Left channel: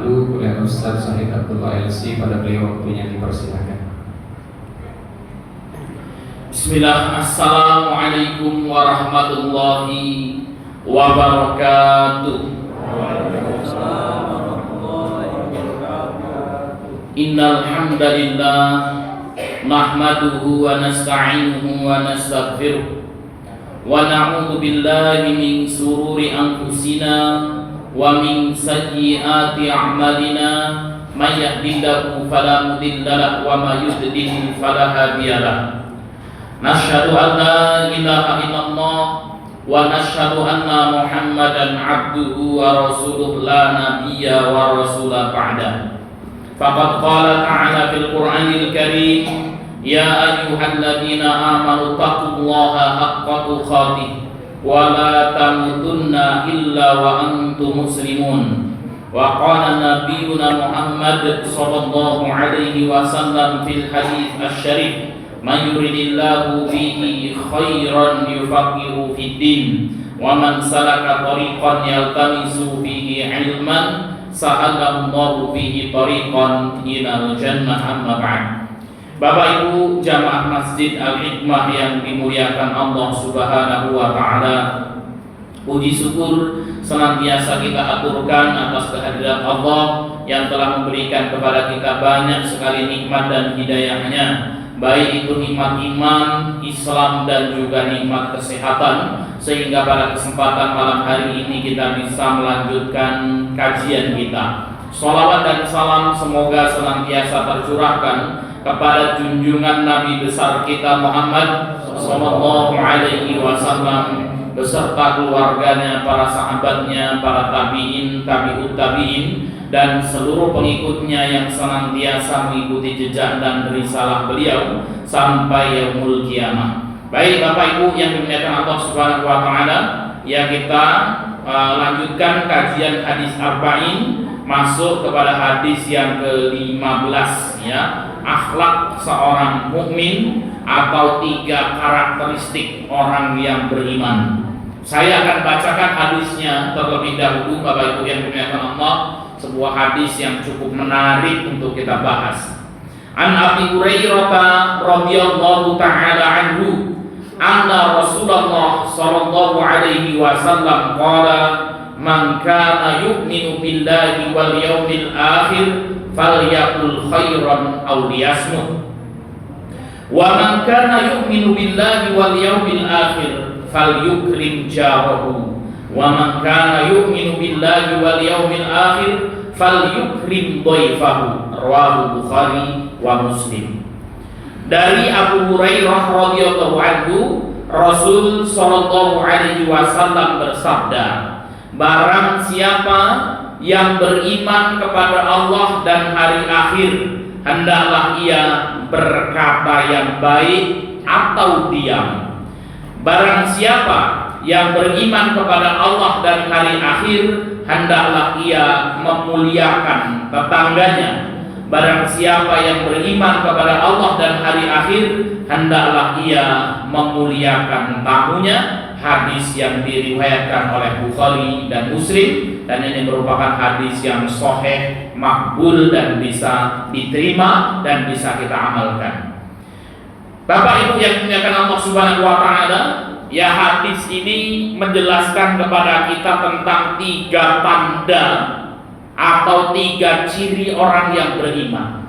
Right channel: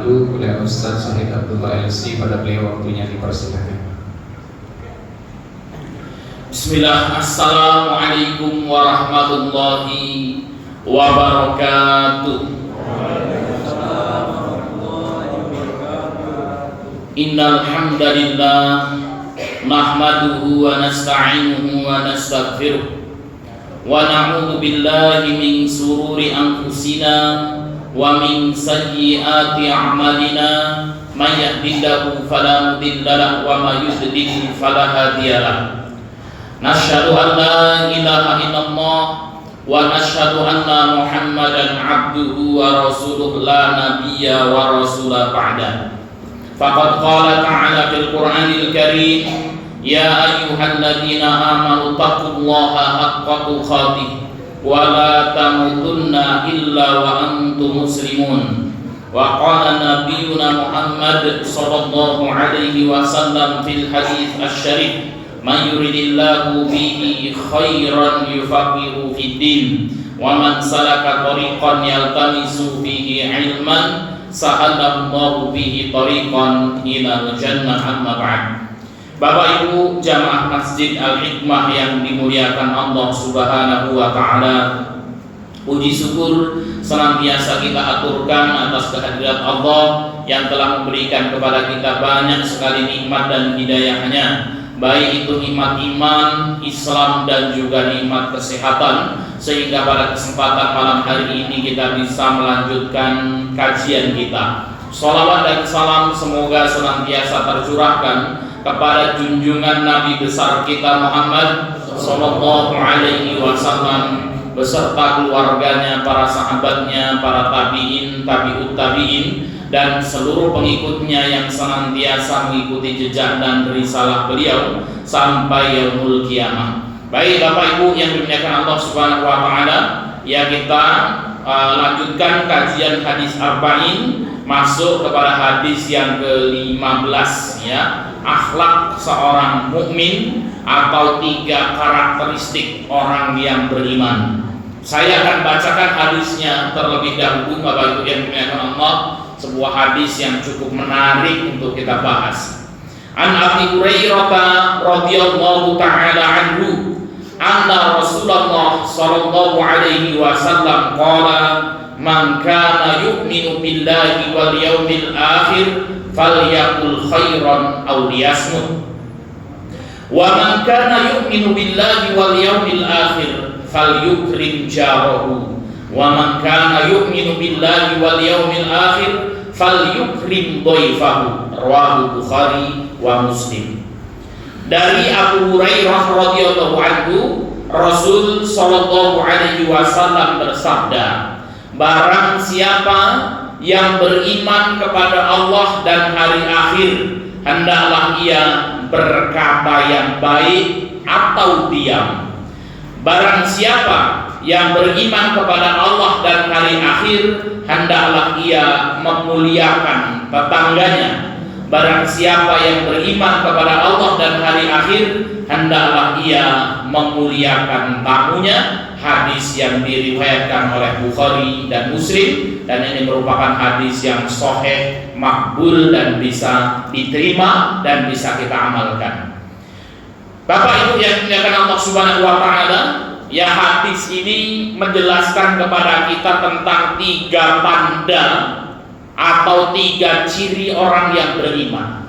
dipandu oleh Ustaz Syahid Abdullah LC. Pada beliau waktunya dipersilakan. Bismillah. Assalamualaikum warahmatullahi wabarakatuh. Innal hamdalillah nahmaduhu wa nasta'inuhu wa nastaghfiruh wa na'udzu billahi min sururi anfusina wa min sayyiati a'malina may yahdihillahu fala mudilla lahu wa may yudlil fala hadiya lahu. Nashhadu an la ilaha illallah wa nashhadu anna Muhammadan abduhu wa rasuluhu la nabiyya wa rasula ba'da. Faqad qala ta'ala fil Qur'anil Karim, ya ayyuhalladzina amanu taqullaha haqqa tuqatih wa la tamutunna illa wa antum muslimun. Wa qala nabiyyuna Muhammad sallallahu alaihi wasallam fil hadits asy-syarif, man yuridillahu bihi khairan yufaqihu fid din wa man salaka tariqan yaltamisu bihi ilman sahalallahu bihi tariqan ilal jannah. Amma ba'd. Bapak Ibu jamaah Masjid Al-Hikmah yang dimuliakan Allah Subhanahu wa taala, puji syukur senantiasa kita aturkan atas kehadirat Allah yang telah memberikan kepada kita banyak sekali nikmat dan hidayahnya, baik itu nikmat iman, Islam, dan juga nikmat kesehatan, sehingga pada kesempatan malam hari ini kita bisa melanjutkan kajian kita. Sholawat dan salam semoga senantiasa tercurahkan kepada junjungan Nabi besar kita Muhammad sallallahu alaihi wasallam beserta keluarganya, para sahabatnya, para tabi'in, tabi'ut tabi'in, dan seluruh pengikutnya yang senantiasa mengikuti jejak dan risalah beliau sampai yaumul kiamah. Baik Bapak Ibu yang dimuliakan Allah Subhanahu wa taala, ya kita lanjutkan kajian hadis arba'in, masuk kepada hadis yang ke-15, ya, akhlak seorang mukmin atau 3 karakteristik orang yang beriman. Saya akan bacakan hadisnya terlebih dahulu Bapak Ibu yang dimuliakan Allah, sebuah hadis yang cukup menarik untuk kita bahas. An Abi Hurairah radhiyallahu taala anhu anna Rasulullah sallallahu alaihi wasallam qala, man kana yu'minu billahi wal yawmil akhir falyaqul khairan aw liyasmut, wa man kana yu'minu billahi wal yawmil akhir falyukrim jarahu, wa man kana yu'minu billahi wal yawmil akhir falyukrim dhaifahu. Rawahu Bukhari wa Muslim. Dari Abu Hurairah radhiyallahu anhu, Rasul sallallahu alaihi wasallam bersabda, barang siapa yang beriman kepada Allah dan hari akhir, hendaklah ia berkata yang baik atau diam. Barang siapa yang beriman kepada Allah dan hari akhir, hendaklah ia memuliakan tetangganya. Barang siapa yang beriman kepada Allah dan hari akhir, hendaklah ia memuliakan tamunya. Hadis yang diriwayatkan oleh Bukhari dan Muslim, dan ini merupakan hadis yang sahih, makbul, dan bisa diterima dan bisa kita amalkan. Bapak Ibu yang dimuliakan Allah Subhanahu wa taala, ya, hadis ini menjelaskan kepada kita tentang 3 tanda atau 3 ciri orang yang beriman.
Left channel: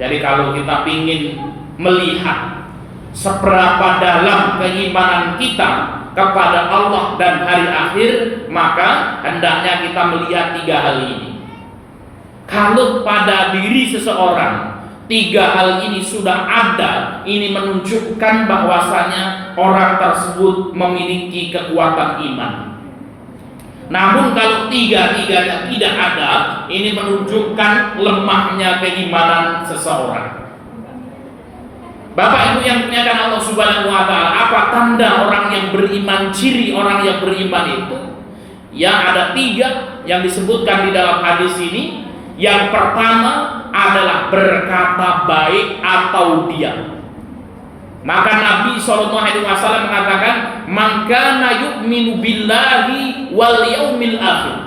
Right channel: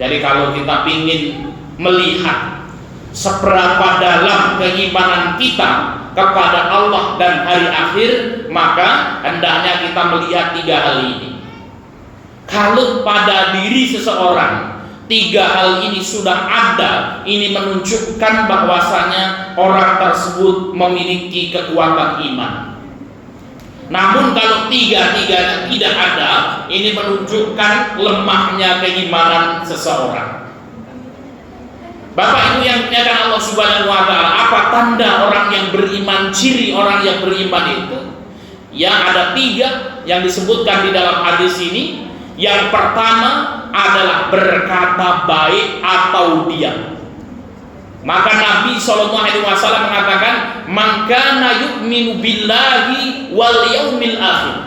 Jadi kalau kita ingin melihat seberapa dalam keimanan kita kepada Allah dan hari akhir, maka hendaknya kita melihat 3 hal ini. Kalau pada diri seseorang 3 hal ini sudah ada, ini menunjukkan bahwasanya orang tersebut memiliki kekuatan iman. Namun kalau 3-tiganya tidak ada, ini menunjukkan lemahnya keimanan seseorang. Bapak Ibu yang dimuliakan Allah Subhanahu wa taala, apa tanda orang yang beriman, ciri orang yang beriman itu? Ya, ada 3 yang disebutkan di dalam hadis ini. Yang pertama adalah berkata baik atau diam. Maka Nabi SAW mengatakan, man kana yu'minu billahi wal yaumil akhir.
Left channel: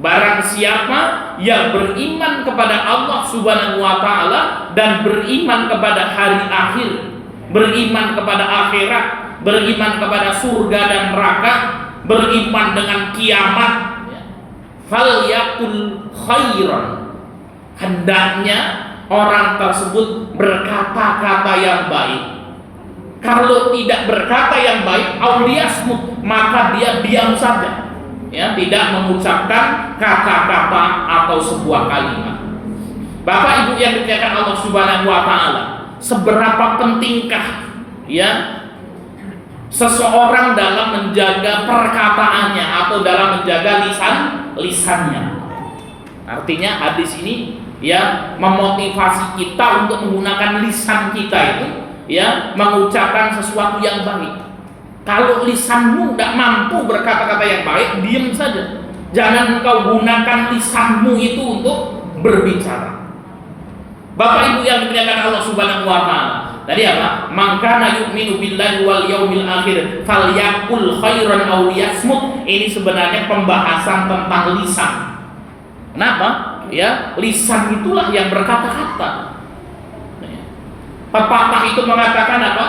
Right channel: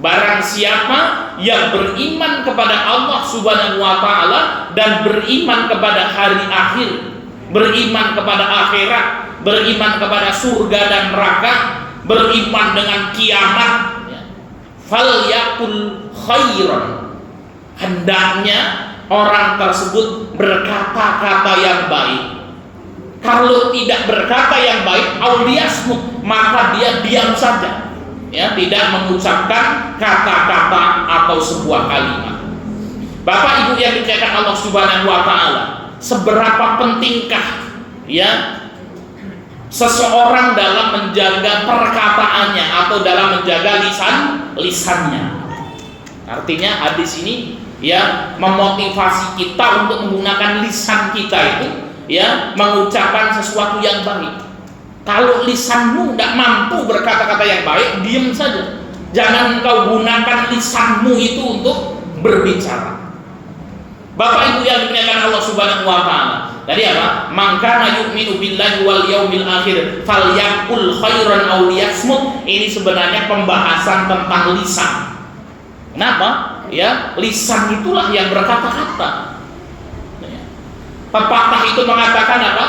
Barang siapa yang beriman kepada Allah Subhanahu wa taala dan beriman kepada hari akhir, beriman kepada akhirat, beriman kepada surga dan neraka, beriman dengan kiamat, ya, falyakul khairan, hendaknya orang tersebut berkata-kata yang baik. Kalau tidak berkata yang baik, auliyasmut, maka dia diam saja, ya, tidak mengucapkan kata-kata atau sebuah kalimat. Bapak Ibu yang dimuliakan Allah Subhanahu wa taala, seberapa pentingkah, ya, seseorang dalam menjaga perkataannya atau dalam menjaga lisannya. Artinya hadis ini, ya, memotivasi kita untuk menggunakan lisan kita itu, ya, mengucapkan sesuatu yang baik. Kalau lisanmu tidak mampu berkata-kata yang baik, diam saja. Jangan engkau gunakan lisanmu itu untuk berbicara. Bapak Ibu yang dimuliakan Allah Subhanahu wa taala, tadi apa? Man kana yu'minu billahi wal yaumil akhir falyaqul khairan aw liyasmut. Ini sebenarnya pembahasan tentang lisan. Kenapa? Ya, lisan itulah yang berkata-kata. Pepatah itu mengatakan apa?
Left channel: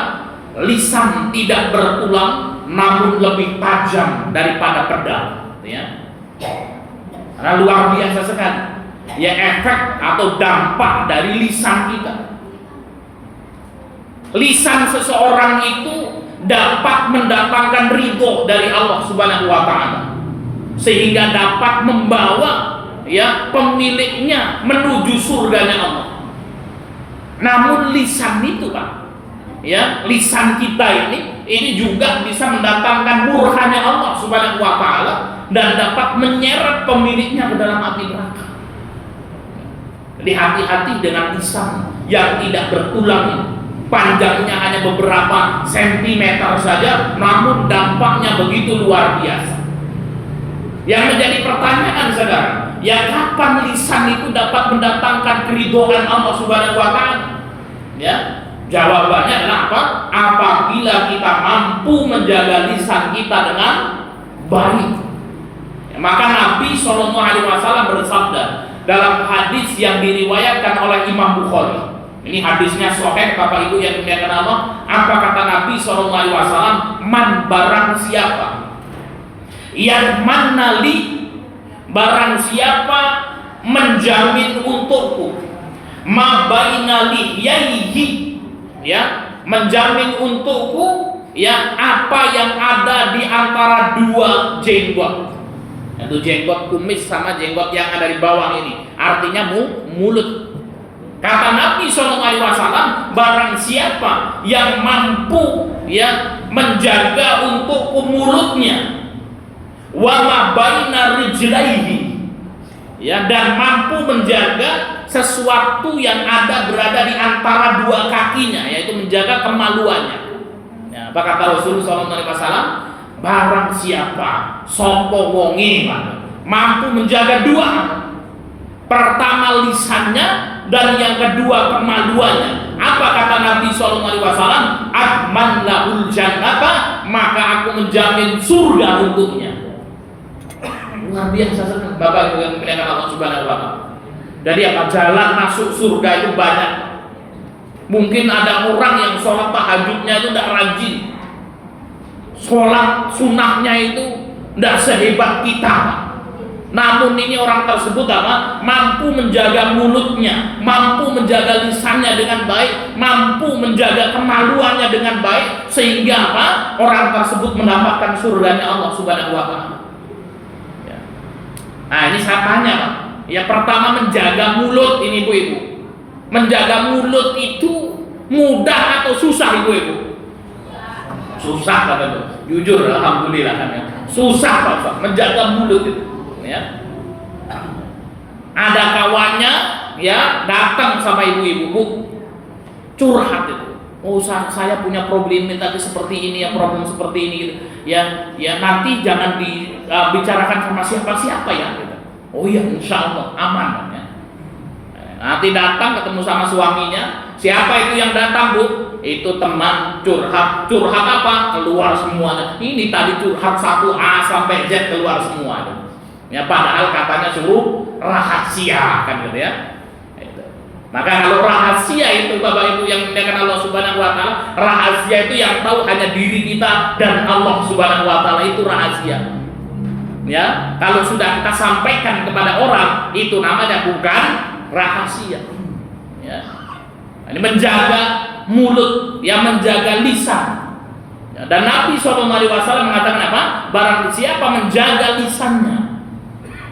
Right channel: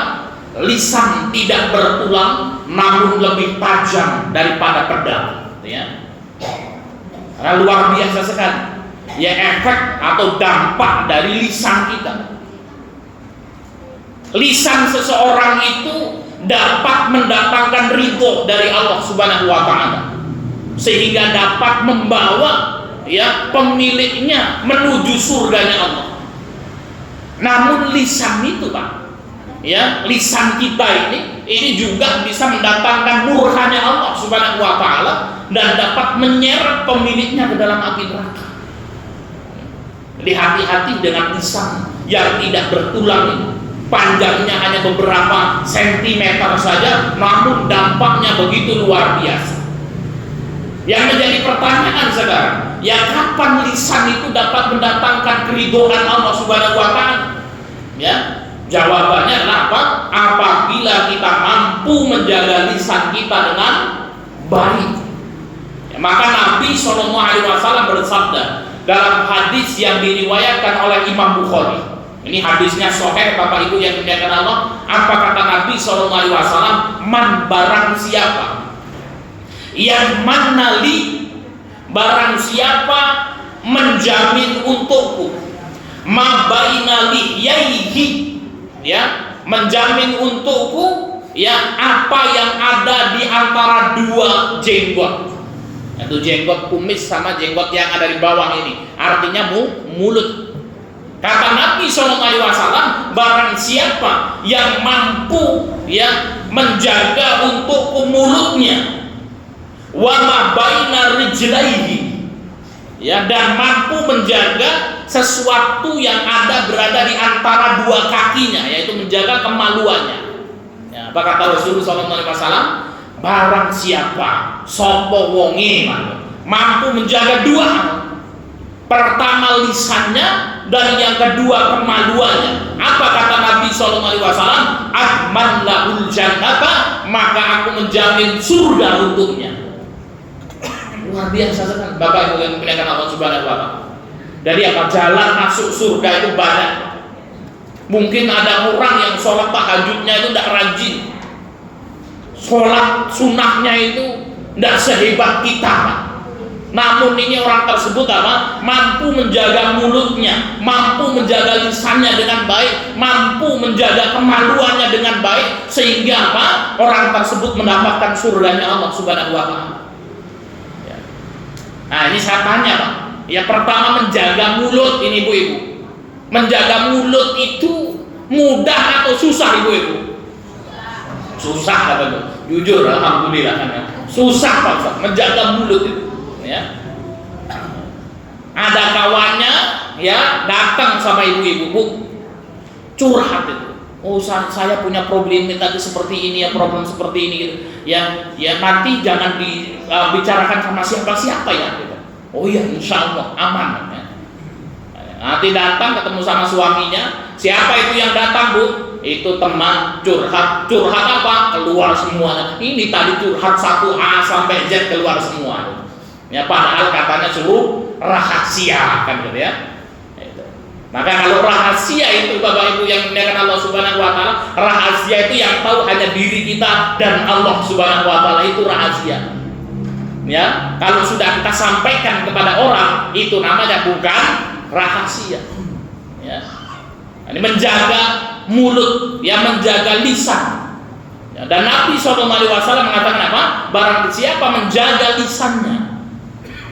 Lisan tidak bertulang namun lebih tajam daripada pedang, ya. Karena luar biasa sekali, ya, efek atau dampak dari lisan kita. Lisan seseorang itu dapat mendatangkan ridho dari Allah Subhanahu wa taala, sehingga dapat membawa, ya, pemiliknya menuju surganya Allah. Namun lisan itu, Pak, ya, lisan kita ini juga bisa mendatangkan murkanya Allah Subhanahu wa taala dan dapat menyeret pemiliknya ke dalam api neraka. Jadi hati-hati dengan lisan yang tidak bertulang ini. Panjangnya hanya beberapa sentimeter saja, namun dampaknya begitu luar biasa. Yang menjadi pertanyaan sekarang, ya, kapan lisan itu dapat mendatangkan keridhaan Allah Subhanahu wa taala? Ya, jawabannya adalah apa? Apabila kita mampu menjaga lisan kita dengan baik. Ya, maka Nabi SAW bersabda dalam hadis yang diriwayatkan oleh Imam Bukhari. Ini hadisnya sahih, Bapak Ibu yang dimuliakan Allah. Apa kata Nabi SAW? Man, barang siapa yang manali, barang siapa menjamin untukku, ma baina lihyaihi, ya, menjamin untukku, ya, apa yang ada di antara dua jenggot, yaitu jenggot kumis sama jenggot yang ada di bawah ini, artinya mulut. Kata Nabi SAW, barang siapa yang mampu, ya, menjaga untukku mulutnya, wa ma baina rijlaihi, ya, dan mampu menjaga sesuatu yang ada berada di antara dua kakinya, yaitu menjaga kemaluannya. Ya, apa kata Rasulullah SAW? Barang siapa sopo wonge mampu menjaga dua hal, pertama lisannya dan yang kedua kemaluannya. Apa kata Nabi SAW? Adman lahul jannata, maka aku menjamin surga untuknya. Luar biasa sekali, Bapak Ibu yang dimuliakan Allah Subhanahu wa taala. Jadi apa? Jalan masuk surga itu banyak. Mungkin ada orang yang sholat tahajudnya itu tidak rajin, sholat sunnahnya itu tidak sehebat kita, Pak. Namun ini orang tersebut apa? Mampu menjaga mulutnya, mampu menjaga lisannya dengan baik, mampu menjaga kemaluannya dengan baik, sehingga apa? Orang tersebut mendapatkan surganya Allah Subhanahu wa taala. Ya. Nah, ini saya tanya, Pak. Ya, pertama menjaga mulut ini, Ibu-ibu. Menjaga mulut itu mudah atau susah, Ibu-ibu? Susah, kata Bu. Jujur, alhamdulillah kan ya. Susah, Pak Ustaz, menjaga mulut itu. Ya. Ada kawannya, ya, datang sama ibu-ibu, Bu, curhat itu. Oh, saya punya problem tadi seperti ini, ya, problem seperti ini gitu. Ya, nanti jangan dibicarakan sama siapa-siapa ya gitu. Oh iya, insya Allah aman ya. Nanti datang ketemu sama suaminya. Siapa itu yang datang, Bu? Itu teman curhat. Curhat apa? Keluar semuanya. Ini tadi curhat 1A sampai Z keluar semua itu. Ya, padahal katanya suruh rahasia kan gitu ya. Itu. Maka kalau rahasia itu Bapak Ibu yang dimuliakan Allah Subhanahu wa taala, rahasia itu yang tahu hanya diri kita dan Allah Subhanahu wa taala, itu rahasia. Ya, kalau sudah kita sampaikan kepada orang, itu namanya bukan rahasia. Ya. Ini menjaga mulut, ya, menjaga lisan. Ya, dan Nabi SAW mengatakan apa? Barang siapa menjaga lisannya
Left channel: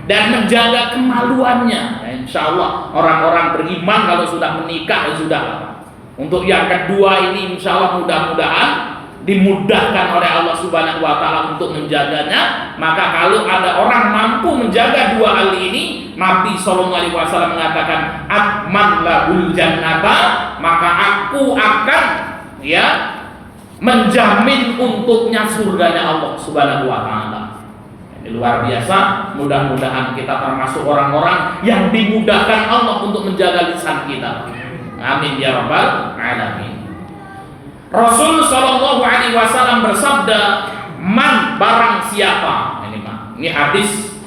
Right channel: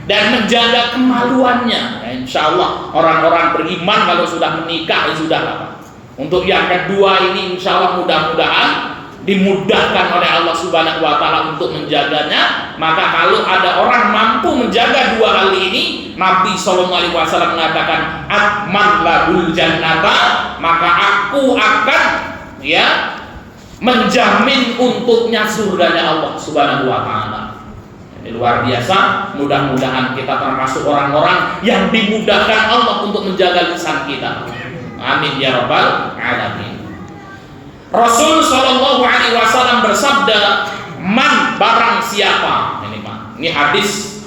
dan menjaga kemaluannya, ya, insya Allah orang-orang beriman kalau sudah menikah ya sudah lah. Untuk yang kedua ini insya Allah mudah-mudahan dimudahkan oleh Allah Subhanahu wa taala untuk menjaganya. Maka kalau ada orang mampu menjaga dua hal ini, Nabi SAW mengatakan atman lahul jannata, maka aku akan, ya, menjamin untuknya surganya Allah Subhanahu wa taala. Ini luar biasa. Mudah-mudahan kita termasuk orang-orang yang dimudahkan Allah untuk menjaga lisan kita. Amin ya rabbal alamin. Rasul sallallahu alaihi wasallam bersabda, man barang siapa, ini Pak, ini hadis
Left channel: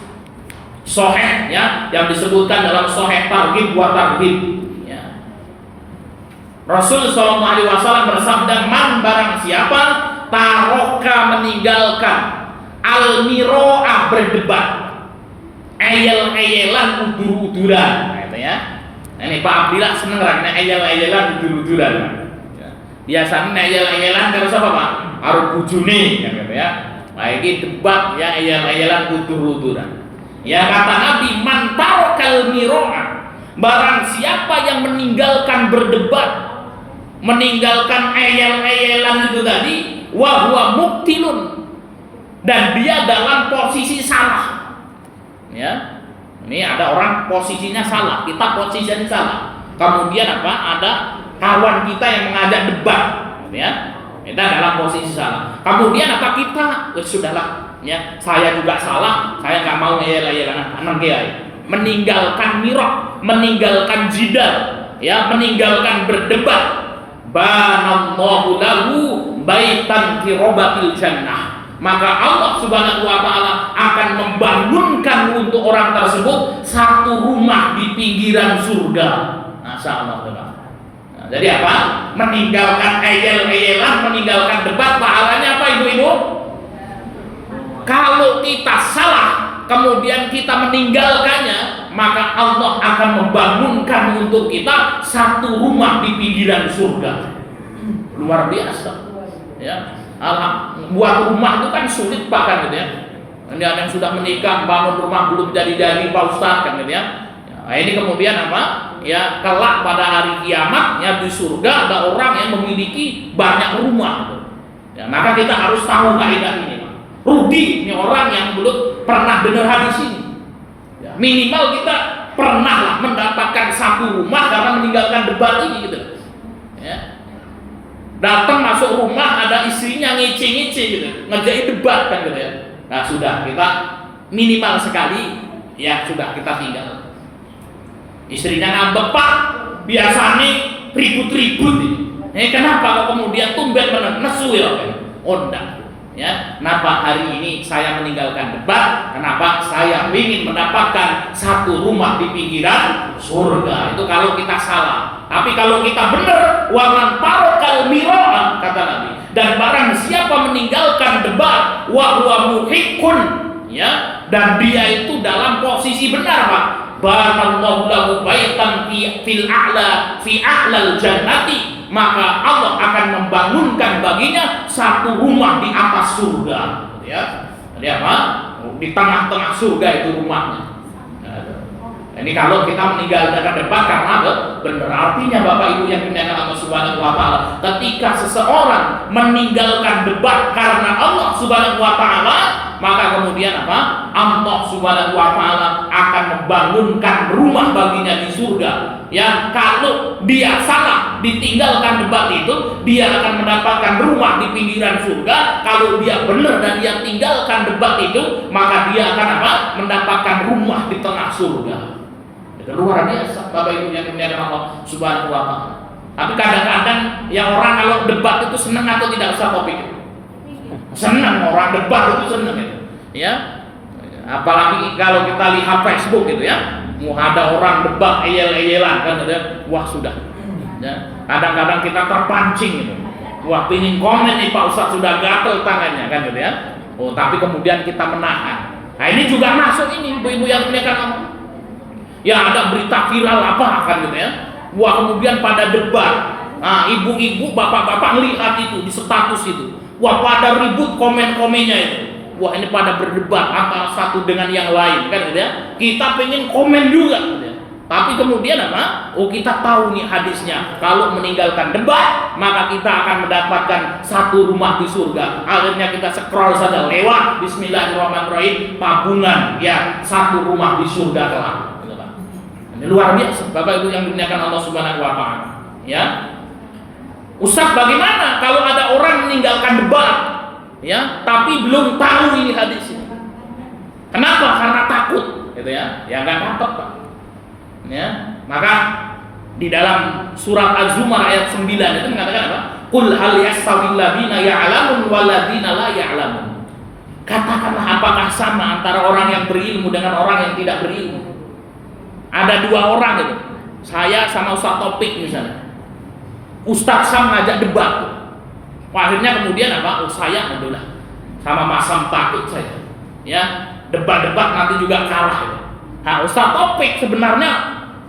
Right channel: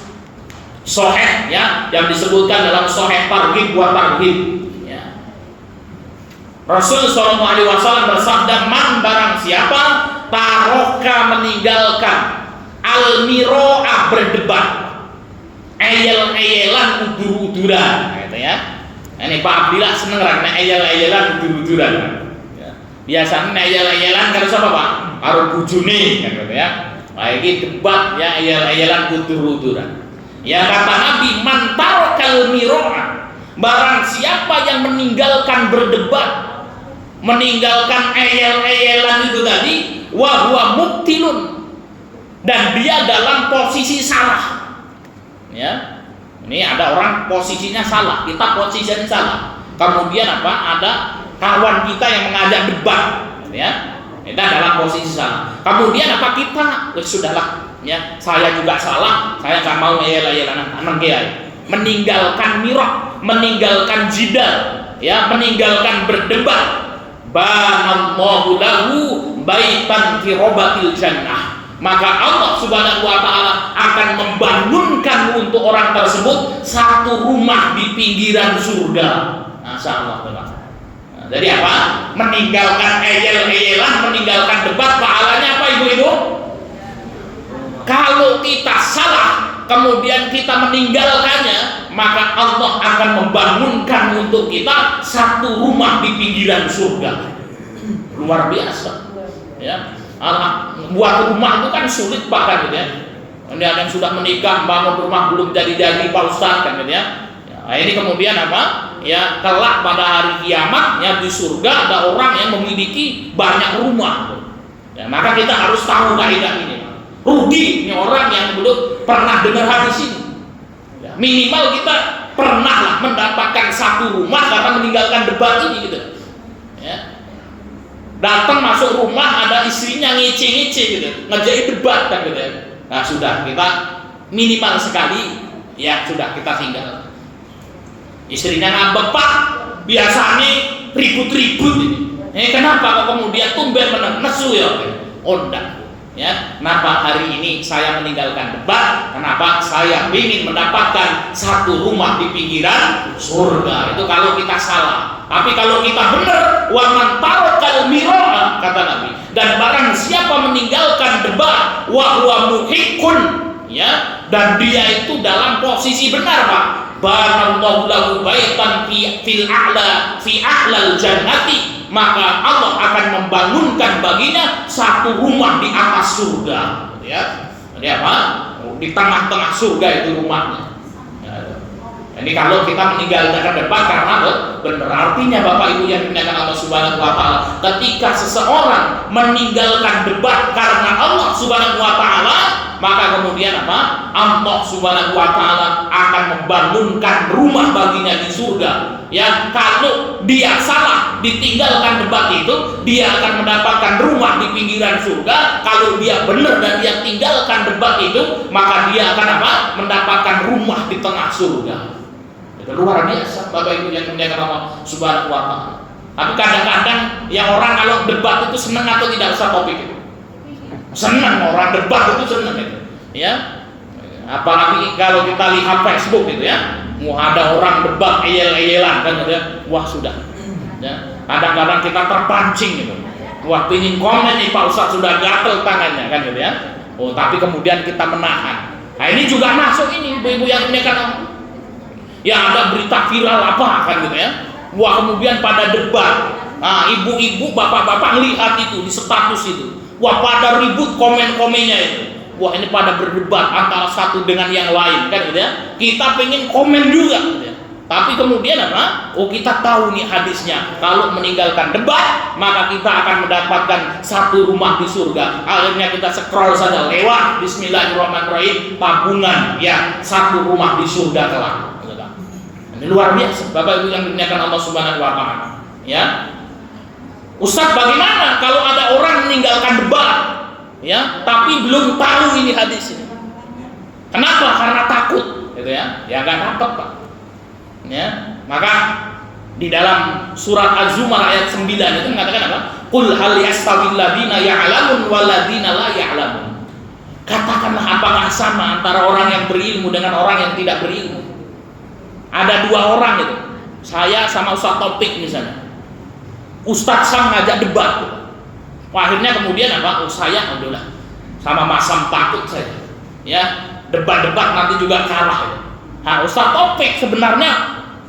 sahih ya, yang disebutkan dalam sahih targhib wa tarhib ya. Rasul sallallahu alaihi wasallam bersabda, man barang siapa taroka meninggalkan al-miro'ah berdebat, eyel-eyelan, udur-uduran, nah, itu ya. Ini Pak Abdillah seneng karena eyel-eyelan, udur-uduran. Ya. Biasanya eyel-eyelan karena apa Pak? Karo bujune, kan gitu ya. Nah, ini debat ya, eyel-eyelan, udur-uduran. Ya, kata Nabi, man tarokal miro'ah, barang siapa yang meninggalkan berdebat, meninggalkan eyel-eyelan itu tadi, wa huwa mubtilun, dan dia dalam posisi salah. Ya, ini ada orang posisinya salah, kita posisinya salah. Kemudian apa? Ada kawan kita yang mengajak debat, ya. Kita dalam posisi salah. Kemudian apa kita? Sudahlah, ya. Saya juga salah. Saya nggak mau eyel-eyelan anak kiai. Meninggalkan mirah, meninggalkan jidal, ya, meninggalkan berdebat. Banallahu lahu baitan fi robatil jannah. Maka Allah Subhanahu wa taala akan membangunkan untuk orang tersebut satu rumah di pinggiran surga. Masyaallah. Nah, jadi apa? Meninggalkan eyel-eyelan, meninggalkan debat, pahalanya apa Ibu-ibu? Kalau kita salah kemudian kita meninggalkannya, maka Allah akan membangunkan untuk kita satu rumah di pinggiran surga. Luar biasa. Ya. Buat rumah itu kan sulit Pak, kan gitu ya. Ini ada yang sudah menikah bangun rumah belum jadi-jadi Pak Ustaz, kan gitu ya. Nah, ini kemudian apa? Ya, kelak pada hari kiamat ya di surga ada orang yang memiliki banyak rumah. Ya, maka kita harus tahu kaidah ini. Rugi ini orang yang belum pernah dengar hadis ini. Ya, minimal kita pernahlah mendapatkan satu rumah karena meninggalkan debat ini gitu. Ya. Datang masuk rumah ada istrinya ngece-ngece gitu, ngerjain debat kan gitu ya. Nah sudah, kita minimal sekali ya sudah kita tinggal. Istrinya ngambek, Pak, biasanya ribut-ribut ini. Kenapa kok kemudian tumben nesu ya? Oh enggak. Ya, kenapa hari ini saya meninggalkan debat? Kenapa? Saya ingin mendapatkan satu rumah di pinggiran surga. Itu kalau kita salah. Tapi kalau kita benar, wa man tarokal miro'ah, kata Nabi, dan barang siapa meninggalkan debat, wa huwa muhiqqun, ya, dan dia itu dalam posisi benar Pak. Banallahu lahu baitan fil a'la fi a'lal jannati, maka Allah akan membangunkan baginya satu rumah di atas surga, ya. Jadi apa? Di tengah-tengah surga itu rumahnya. Ini kalau kita meninggalkan debat karena benar, artinya Bapak Ibu yang dimuliakan Allah Subhanahu wa taala, ketika seseorang meninggalkan debat karena Allah Subhanahu wa taala, maka kemudian apa? Allah Subhanahu wa taala akan membangunkan rumah baginya di surga. Ya, kalau dia salah ditinggalkan debat itu, dia akan mendapatkan rumah di pinggiran surga. Kalau dia benar dan dia tinggalkan debat itu, maka dia akan apa? Mendapatkan rumah di tengah surga. Itu luar biasa Bapak Ibu yang dimuliakan Allah Subhanahu wa taala. Tapi kadang-kadang yang orang kalau debat itu senang atau tidak usah topik itu. Senang orang debat itu senang itu. Ya. Apalagi kalau kita lihat Facebook gitu ya, mau ada orang debat eyel-eyelan kan gitu ya, wah sudah. Ya, kadang-kadang kita terpancing gitu. Wah, pingin komen nih Pak Ustadz, sudah gatel tangannya kan gitu ya. Oh, tapi kemudian kita menahan. Nah, ini juga masuk ini ibu-ibu yang ini kan ya ada berita viral apa kan gitu ya. Wah, kemudian pada debat. Nah, ibu-ibu, bapak-bapak melihat itu di status itu. Wah, pada ribut komen-komennya itu. Wah, ini pada berdebat antara satu dengan yang lain kan gitu ya. Kita pengen komen juga gitu ya. Tapi kemudian apa? Oh, kita tahu nih hadisnya. Kalau meninggalkan debat, maka kita akan mendapatkan satu rumah di surga. Akhirnya kita scroll saja lewat. Bismillahirrahmanirrahim. Tabungan ya, satu rumah di surga kelak. Ini luar biasa, Bapak Ibu yang dimuliakan Allah Subhanahu wa taala. Ya. Ustaz, bagaimana kalau ada orang meninggalkan debat? Ya, tapi belum tahu ini hadis ini. Kenapa? Karena takut, gitu ya. Ya enggak dapat, Pak. Ya, maka di dalam surat Az-Zumar ayat 9 itu mengatakan apa? Qul hal yastawil ladzina ya'lamun wal ladzina la ya'lamun. Katakanlah, apakah sama antara orang yang berilmu dengan orang yang tidak berilmu? Ada dua orang gitu, saya sama Ustadz Topik misalnya. Ustadz Sam ngajak debat. Wah, akhirnya kemudian apa? Oh, saya udahlah sama Mas Sam takut saya. Ya, debat-debat nanti juga kalah gitu. Nah, Ustadz Topik sebenarnya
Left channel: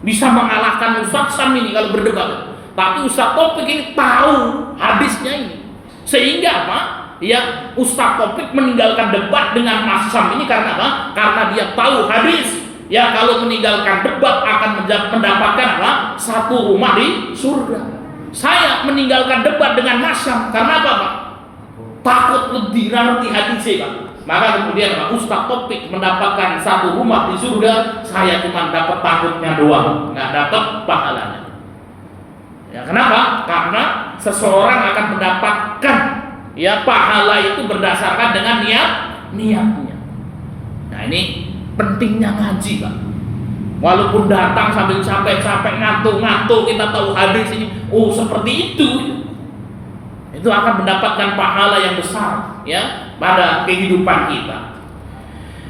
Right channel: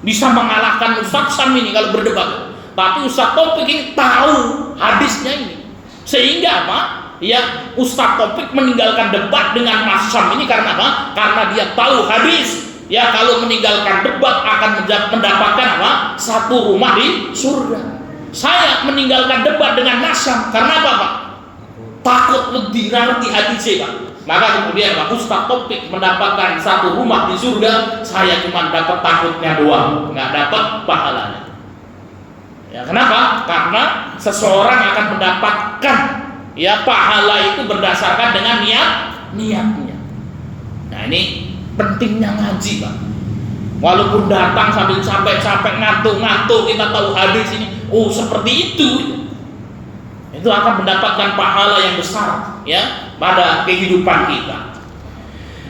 bisa mengalahkan Ustadz Sam ini kalau berdebat. Tapi Ustadz Topik ini tahu hadisnya ini. Sehingga apa? Ya, Ustadz Topik meninggalkan debat dengan Mas Sam ini karena apa? Karena dia tahu hadis. Ya, kalau meninggalkan debat akan mendapatkan apa? Satu rumah di surga. Saya meninggalkan debat dengan Mas Sam karena apa, Pak? Takut lebih ngerti hadisnya, Pak. Maka kemudian Pak Ustadz Topik mendapatkan satu rumah di surga, saya cuma dapat takutnya doang, nggak dapat pahalanya. Ya, kenapa? Karena seseorang akan mendapatkan ya pahala itu berdasarkan dengan niatnya. Nah, ini pentingnya ngaji, Pak. Walaupun datang sambil capek-capek ngantuk-ngantuk, kita tahu hadis ini, oh seperti itu akan mendapatkan pahala yang besar ya pada kehidupan kita.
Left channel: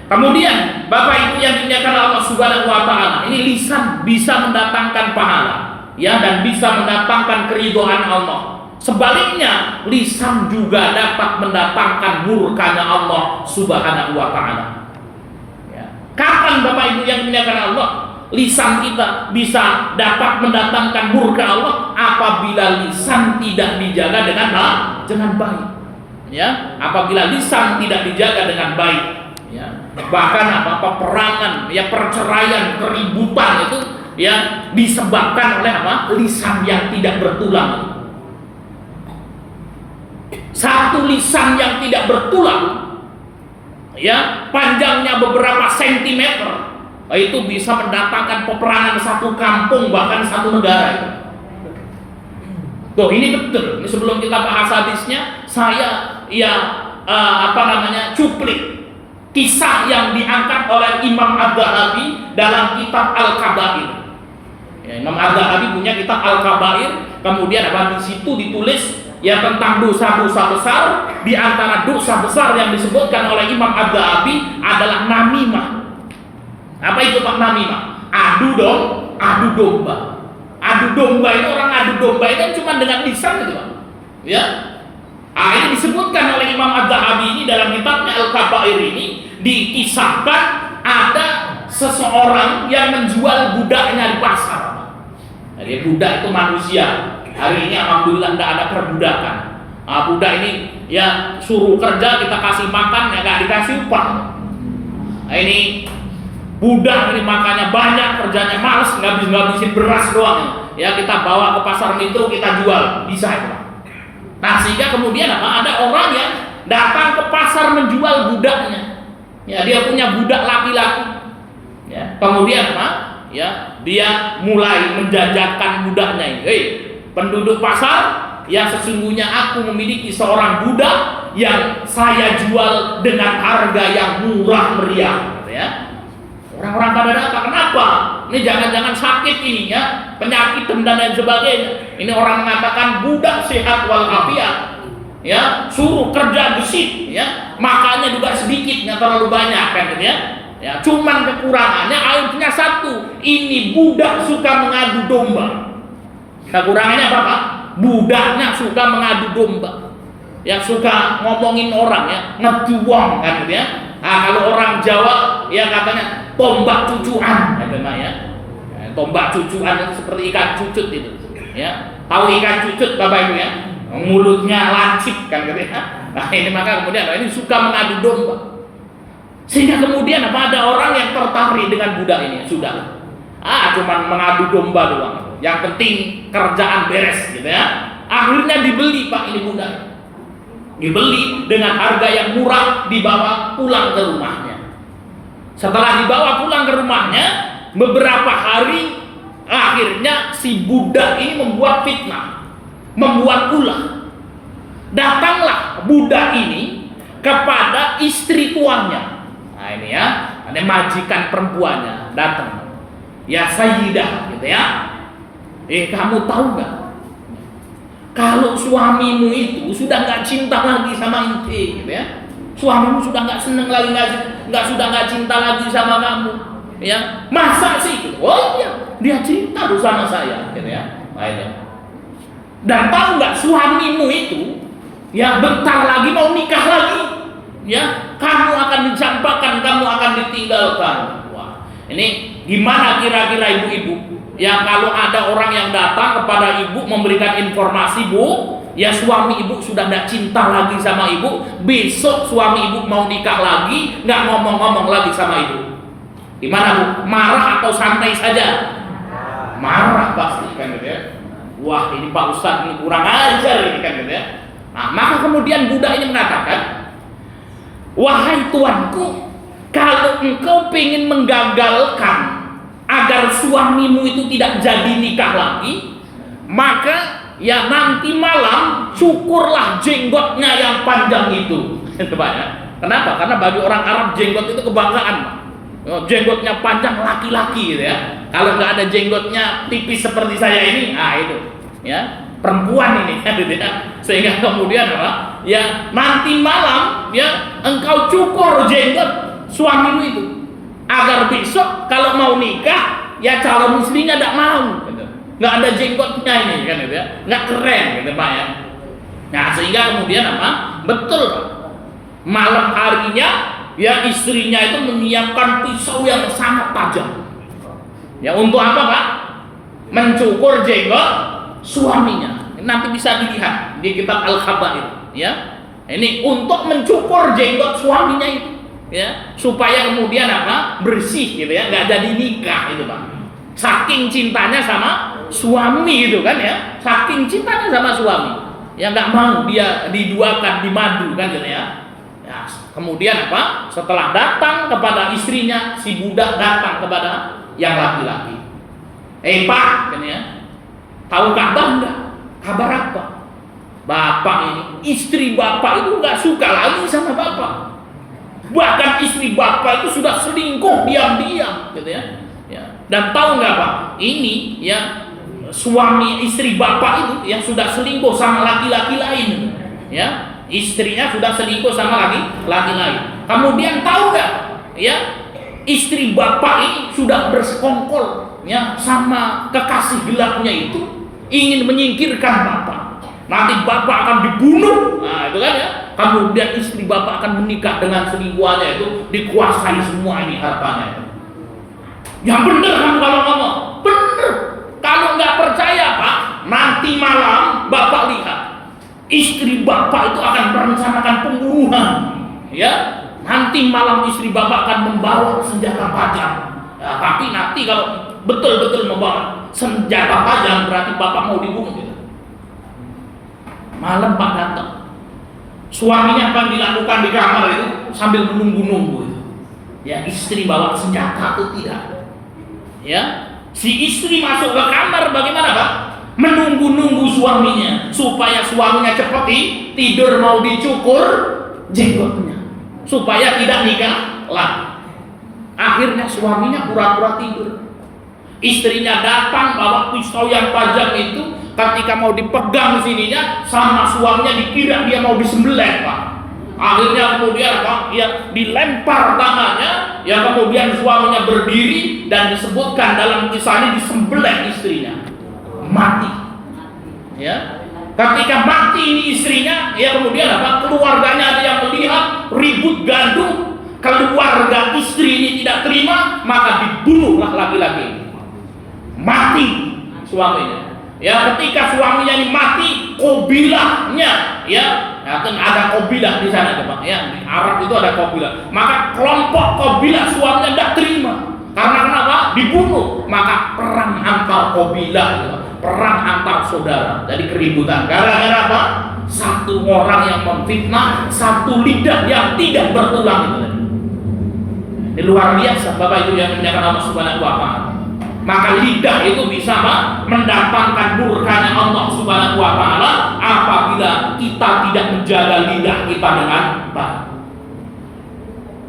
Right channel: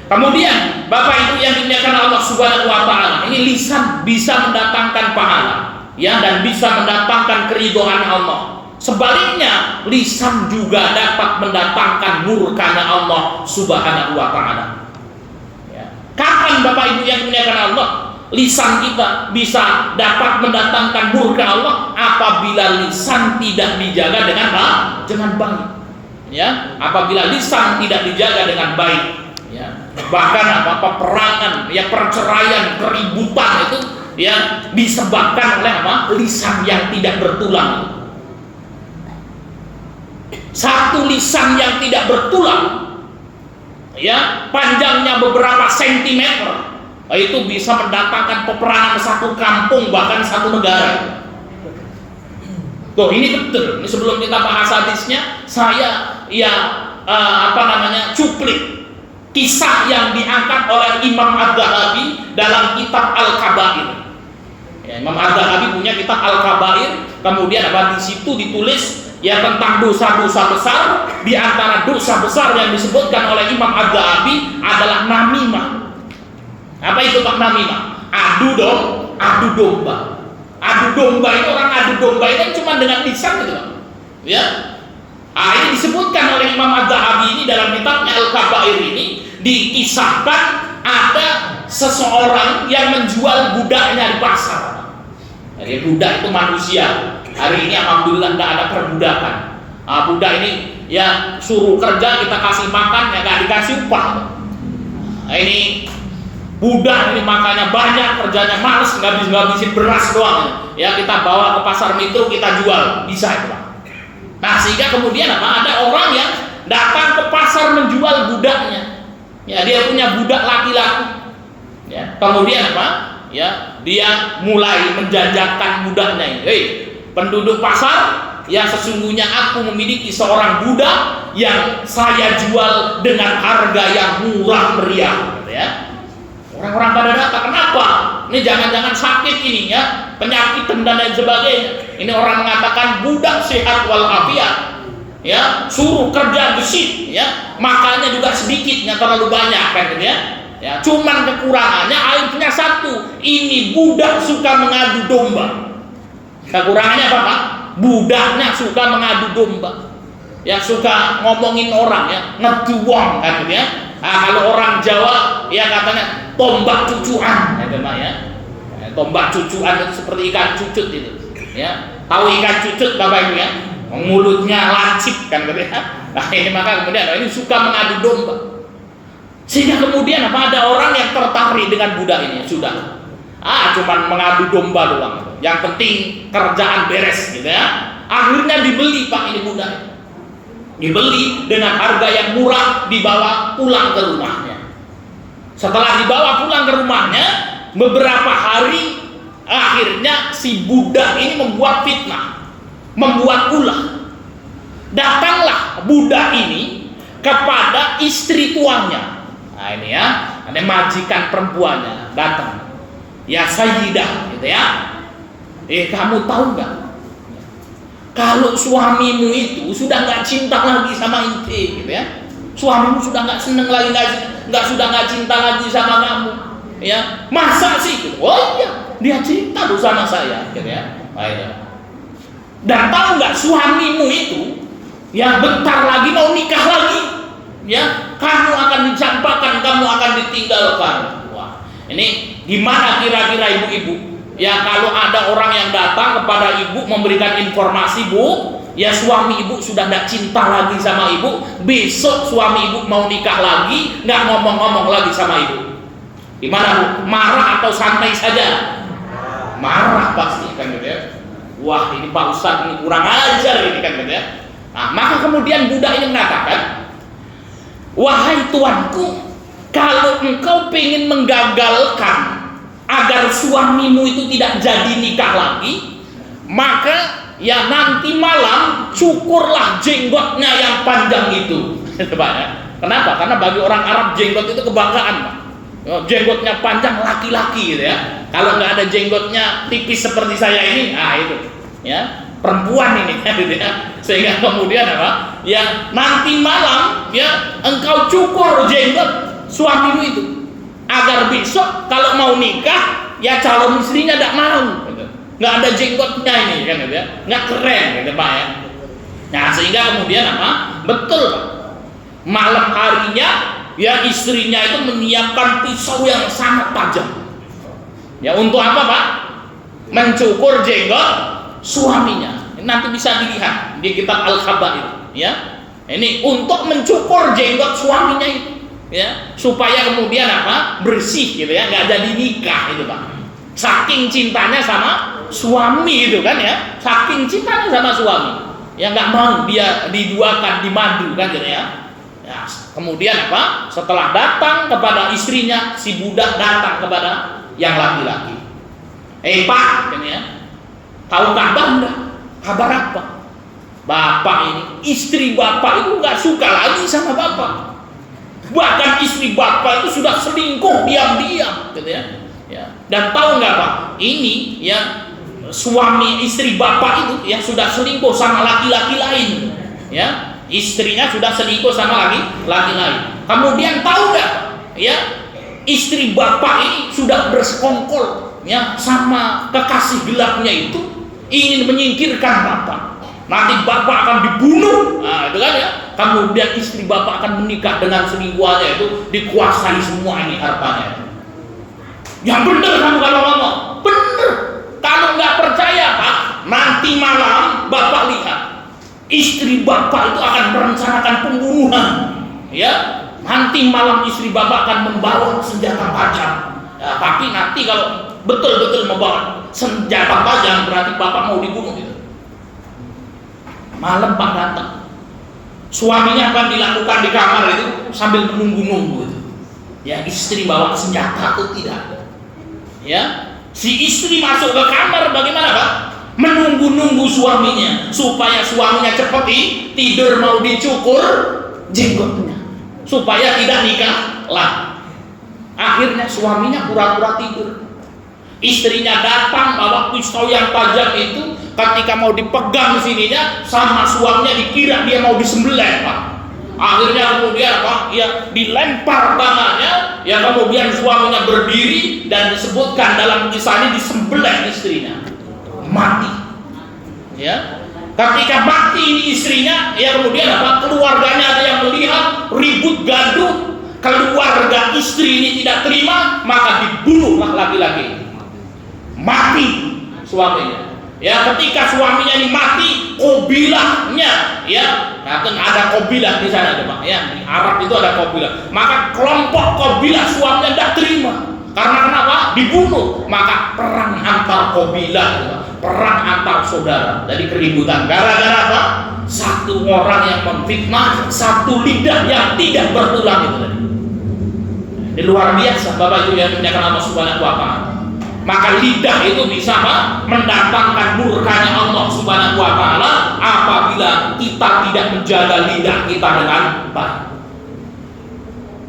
Kemudian Bapak Ibu yang dimuliakan Allah Subhanahu wa taala, ini lisan bisa mendatangkan pahala ya dan bisa mendatangkan keridhaan Allah. Sebaliknya, lisan juga dapat mendatangkan murkanya Allah Subhanahu wa taala. Kapan Bapak Ibu yang dimuliakan Allah lisan kita bisa dapat mendatangkan murka Allah? Apabila lisan tidak dijaga dengan baik. Ya, apabila lisan tidak dijaga dengan baik. Ya, bahkan apa peperangan, ya perceraian, keributan itu ya disebabkan oleh apa? Lisan yang tidak bertulang. Satu lisan yang tidak bertulang ya panjangnya beberapa sentimeter itu bisa mendatangkan peperangan satu kampung bahkan satu negara itu. Tuh, ini betul. Ini sebelum kita bahas hadisnya, saya cuplik kisah yang diangkat oleh Imam Adz-Dzahabi dalam kitab Al-Kabair. Ya, Imam Adz-Dzahabi punya kitab Al-Kabair, kemudian di situ ditulis ya tentang dosa-dosa besar. Di antara dosa besar yang disebutkan oleh Imam Adz-Dzahabi adalah namimah. Apa itu Pak namimah? Adu domba. Adu domba itu, orang adu domba itu cuma dengan lisan gitu Pak. Ya. Ini disebutkan oleh Imam Adz-Dzahabi ini dalam kitabnya Al-Kabair ini, dikisahkan ada seseorang yang menjual budaknya di pasar. Jadi budak itu manusia. Hari ini alhamdulillah tidak ada perbudakan. Budak ini ya suruh kerja, kita kasih makan ya nggak dikasih upah. Ini budak ini makannya banyak, kerjanya males, ngabisin beras doang. Ya kita bawa ke pasar Metro, kita jual, bisa itu Pak. Nah sehingga kemudian ada orang yang datang ke pasar menjual budaknya. Ya dia punya budak laki-laki. Ya kemudian Ya dia mulai menjajakan budaknya ini. Hei penduduk pasar, ya sesungguhnya aku memiliki seorang budak yang saya jual dengan harga yang murah meriah, gitu ya. Orang-orang pada datang, kenapa? Ini jangan-jangan sakit ini ya, penyakit dan lain sebagainya. Ini orang mengatakan budak sehat walafiat. ya, suruh kerja gesit, ya, makannya juga sedikit, nggak terlalu banyak kan gitu ya. Ya, cuman kekurangannya aibnya satu, ini budak suka mengadu domba. Kekurangannya apa Pak? Budaknya suka mengadu domba, ya, suka ngomongin orang, ya, ngeduang kan gitu ya. Nah, kalau orang Jawa ya katanya tombak cucuan, ya Pak ya. Tombak cucuan itu seperti ikan cucut itu, ya. Tahu ikan cucut Bapak Ibu ya? Mulutnya lancip kan gitu ya. Nah, ini maka kemudian ini suka mengadu domba. Sehingga kemudian ada orang yang tertarik dengan budak ini, sudah. Cuman mengadu domba doang. Yang penting kerjaan beres gitu ya. Akhirnya dibeli Pak ini budak. Dibeli dengan harga yang murah, dibawa pulang ke rumahnya. Setelah dibawa pulang ke rumahnya, beberapa hari akhirnya si budak ini membuat fitnah, membuat ulah. Datanglah budak ini kepada istri tuanya. Nah ini ya, ada majikan perempuannya datang. Ya Sayyidah gitu ya. Kamu tahu nggak? Kalau suamimu itu sudah nggak cinta lagi sama inti, gitu ya. Suamimu sudah nggak seneng lagi, nggak cinta lagi sama kamu, ya. Masa sih? Gitu. Oh iya, dia cinta tuh sama saya, gitu ya. Nah, itu. Dan tahu nggak suamimu itu, ya bentar lagi mau nikah lagi, ya. Kamu akan dicampakkan, kamu akan ditinggalkan. Wah, ini gimana kira-kira ibu-ibu? Ya kalau ada orang yang datang kepada ibu memberikan informasi, Bu, ya suami ibu sudah tidak cinta lagi sama ibu, besok suami ibu mau nikah lagi, nggak ngomong-ngomong lagi sama ibu, gimana Bu? Marah atau santai saja? Marah pasti kan gitu ya. Wah ini Pak Ustadz ini kurang ajar ini kan gitu ya. Nah, maka kemudian budak ini mengatakan, wahai tuanku, kalau engkau pengen menggagalkan agar suamimu itu tidak jadi nikah lagi, maka ya nanti malam cukurlah jenggotnya yang panjang itu. Pak ya. Kenapa? Karena bagi orang Arab jenggot itu kebanggaan Pak. Jenggotnya panjang laki-laki gitu ya. Kalau nggak ada jenggotnya tipis seperti saya ini, itu ya perempuan ini gitu ya. Sehingga kemudian apa? Ya nanti malam ya engkau cukur jenggot suamimu itu, agar besok kalau mau nikah ya calon istrinya tidak mau gitu. Nggak ada jenggotnya ini kan gitu ya, nggak keren gitu Pak ya. Nah sehingga kemudian apa? Betul Pak, malam harinya ya istrinya itu menyiapkan pisau yang sangat tajam. Ya untuk apa Pak? Mencukur jenggot suaminya. Nanti bisa dilihat di kitab Al-Khabair ya. Ini untuk mencukur jenggot suaminya itu, ya, supaya kemudian apa? Bersih gitu ya, nggak jadi nikah itu Pak. Saking cintanya sama suami itu kan ya, saking cintanya sama suami, ya nggak mau dia diduakan, dimadu kan gitu ya. Ya, kemudian apa? Setelah datang kepada istrinya, si budak datang kepada yang laki-laki. Pak, kan ya, tahu kabar enggak? Kabar apa? Bapak ini, istri bapak itu nggak suka lagi sama bapak. Bahkan istri bapak itu sudah selingkuh diam-diam, gitu ya. Ya. Dan tahu nggak Pak? Ini ya suami istri bapak itu yang sudah selingkuh sama laki-laki lain, ya. Istrinya sudah selingkuh sama laki-laki lain. Kemudian tahu nggak Pak? Ya, istri bapak ini sudah bersekongkol ya sama kekasih gelapnya itu, ingin menyingkirkan bapak. Nanti bapak akan dibunuh. Nah, itu kan ya. Kemudian istri bapak akan menikah dengan selingkuhannya itu, dikuasai semua ini hartanya. Yang bener kamu kalau ngomong, bener. Kalau nggak percaya Pak, nanti malam bapak lihat istri bapak itu akan merencanakan pembunuhan. Ya, nanti malam istri bapak akan membawa senjata tajam. Ya, tapi nanti kalau betul-betul membawa senjata tajam berarti bapak mau dibunuh gitu. Malam Pak datang, suaminya apa yang dilakukan di kamar itu sambil menunggu-nunggu itu. Ya istri bawa senjata atau tidak? Ya, si istri masuk ke kamar bagaimana Pak? Menunggu-nunggu suaminya supaya suaminya cepat tidur, mau dicukur jenggotnya supaya tidak nikah lagi. Akhirnya suaminya pura-pura tidur. Istrinya datang bawa pisau yang tajam itu, ketika mau dipegang sininya sama suaminya dikira dia mau disembelih, Pak. Akhirnya kemudian apa? Ya dilempar tangannya, ya kemudian suaminya berdiri dan disebutkan dalam kisah ini disembelih istrinya, mati. Ya, ketika mati ini istrinya, ya kemudian apa? Keluarganya ada yang melihat ribut gaduh, keluarga istri ini tidak terima, maka dibunuhlah laki-laki. Mati suaminya. Ya, ketika suaminya ini mati, kobilahnya, ya, kan ada kobilah di sana, Pak. Ya, di Arab itu ada kobilah. Maka kelompok kobilah suaminya tidak terima. Karena kenapa? Dibunuh. Maka perang antar kobilah, perang antar saudara. Jadi keributan. Gara-gara apa? Satu orang yang memfitnah, satu lidah yang tidak bertulang itu tadi. Ini luar biasa, Bapak Ibu yang dimuliakan Allah Subhanahu wa Ta'ala. Maka lidah itu bisa mendatangkan murkanya Allah Subhanahu wa Ta'ala apabila kita tidak menjaga lidah kita dengan baik.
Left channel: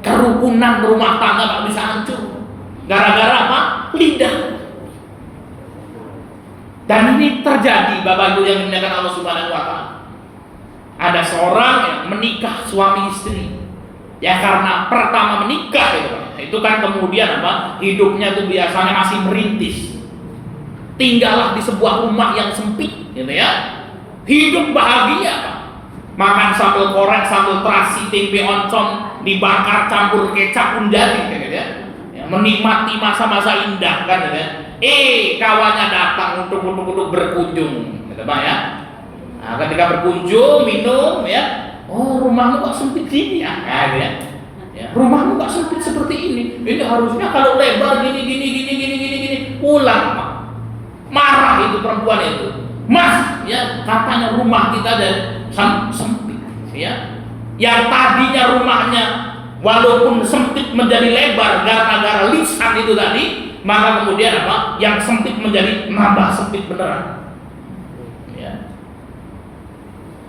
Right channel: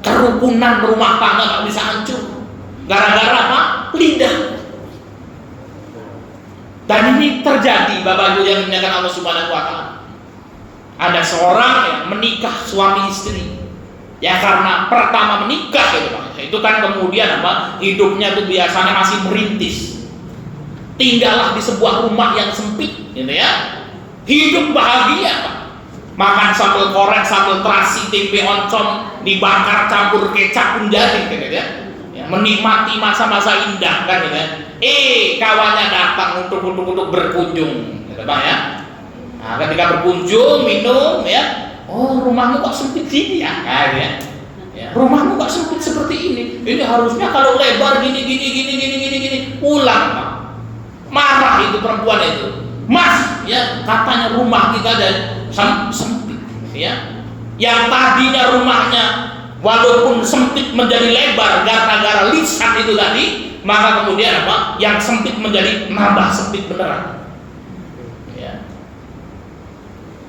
Kerukunan rumah tangga tak bisa hancur gara-gara apa? Lidah. Dan ini terjadi, Bapak Ibu yang dimuliakan Allah Subhanahu wa Ta'ala. Ada seorang yang menikah suami istri. Ya karena pertama menikah gitu Pak. Itu kan kemudian apa? Hidupnya itu biasanya masih merintis. Tinggallah di sebuah rumah yang sempit gitu ya. Hidup bahagia Pak. Makan sambal goreng, sambal terasi, tempe oncom, dibakar campur kecap pun jadi gitu ya. Ya menikmati masa-masa indah kan gitu ya. Kawannya datang untuk berkunjung gitu Pak ya. Nah, ketika berkunjung minum ya. Oh, rumahmu kok sempit gini ya? Nah, gitu ya. Ya, rumahmu kok sempit seperti ini? Ini harusnya kalau lebar gini. Pulang, Pak. Marah itu perempuan itu. Mas, ya katanya rumah kita ada sempit, ya. Yang tadinya rumahnya walaupun sempit menjadi lebar gara-gara lisan itu tadi, maka kemudian apa? Yang sempit menjadi nambah sempit beneran.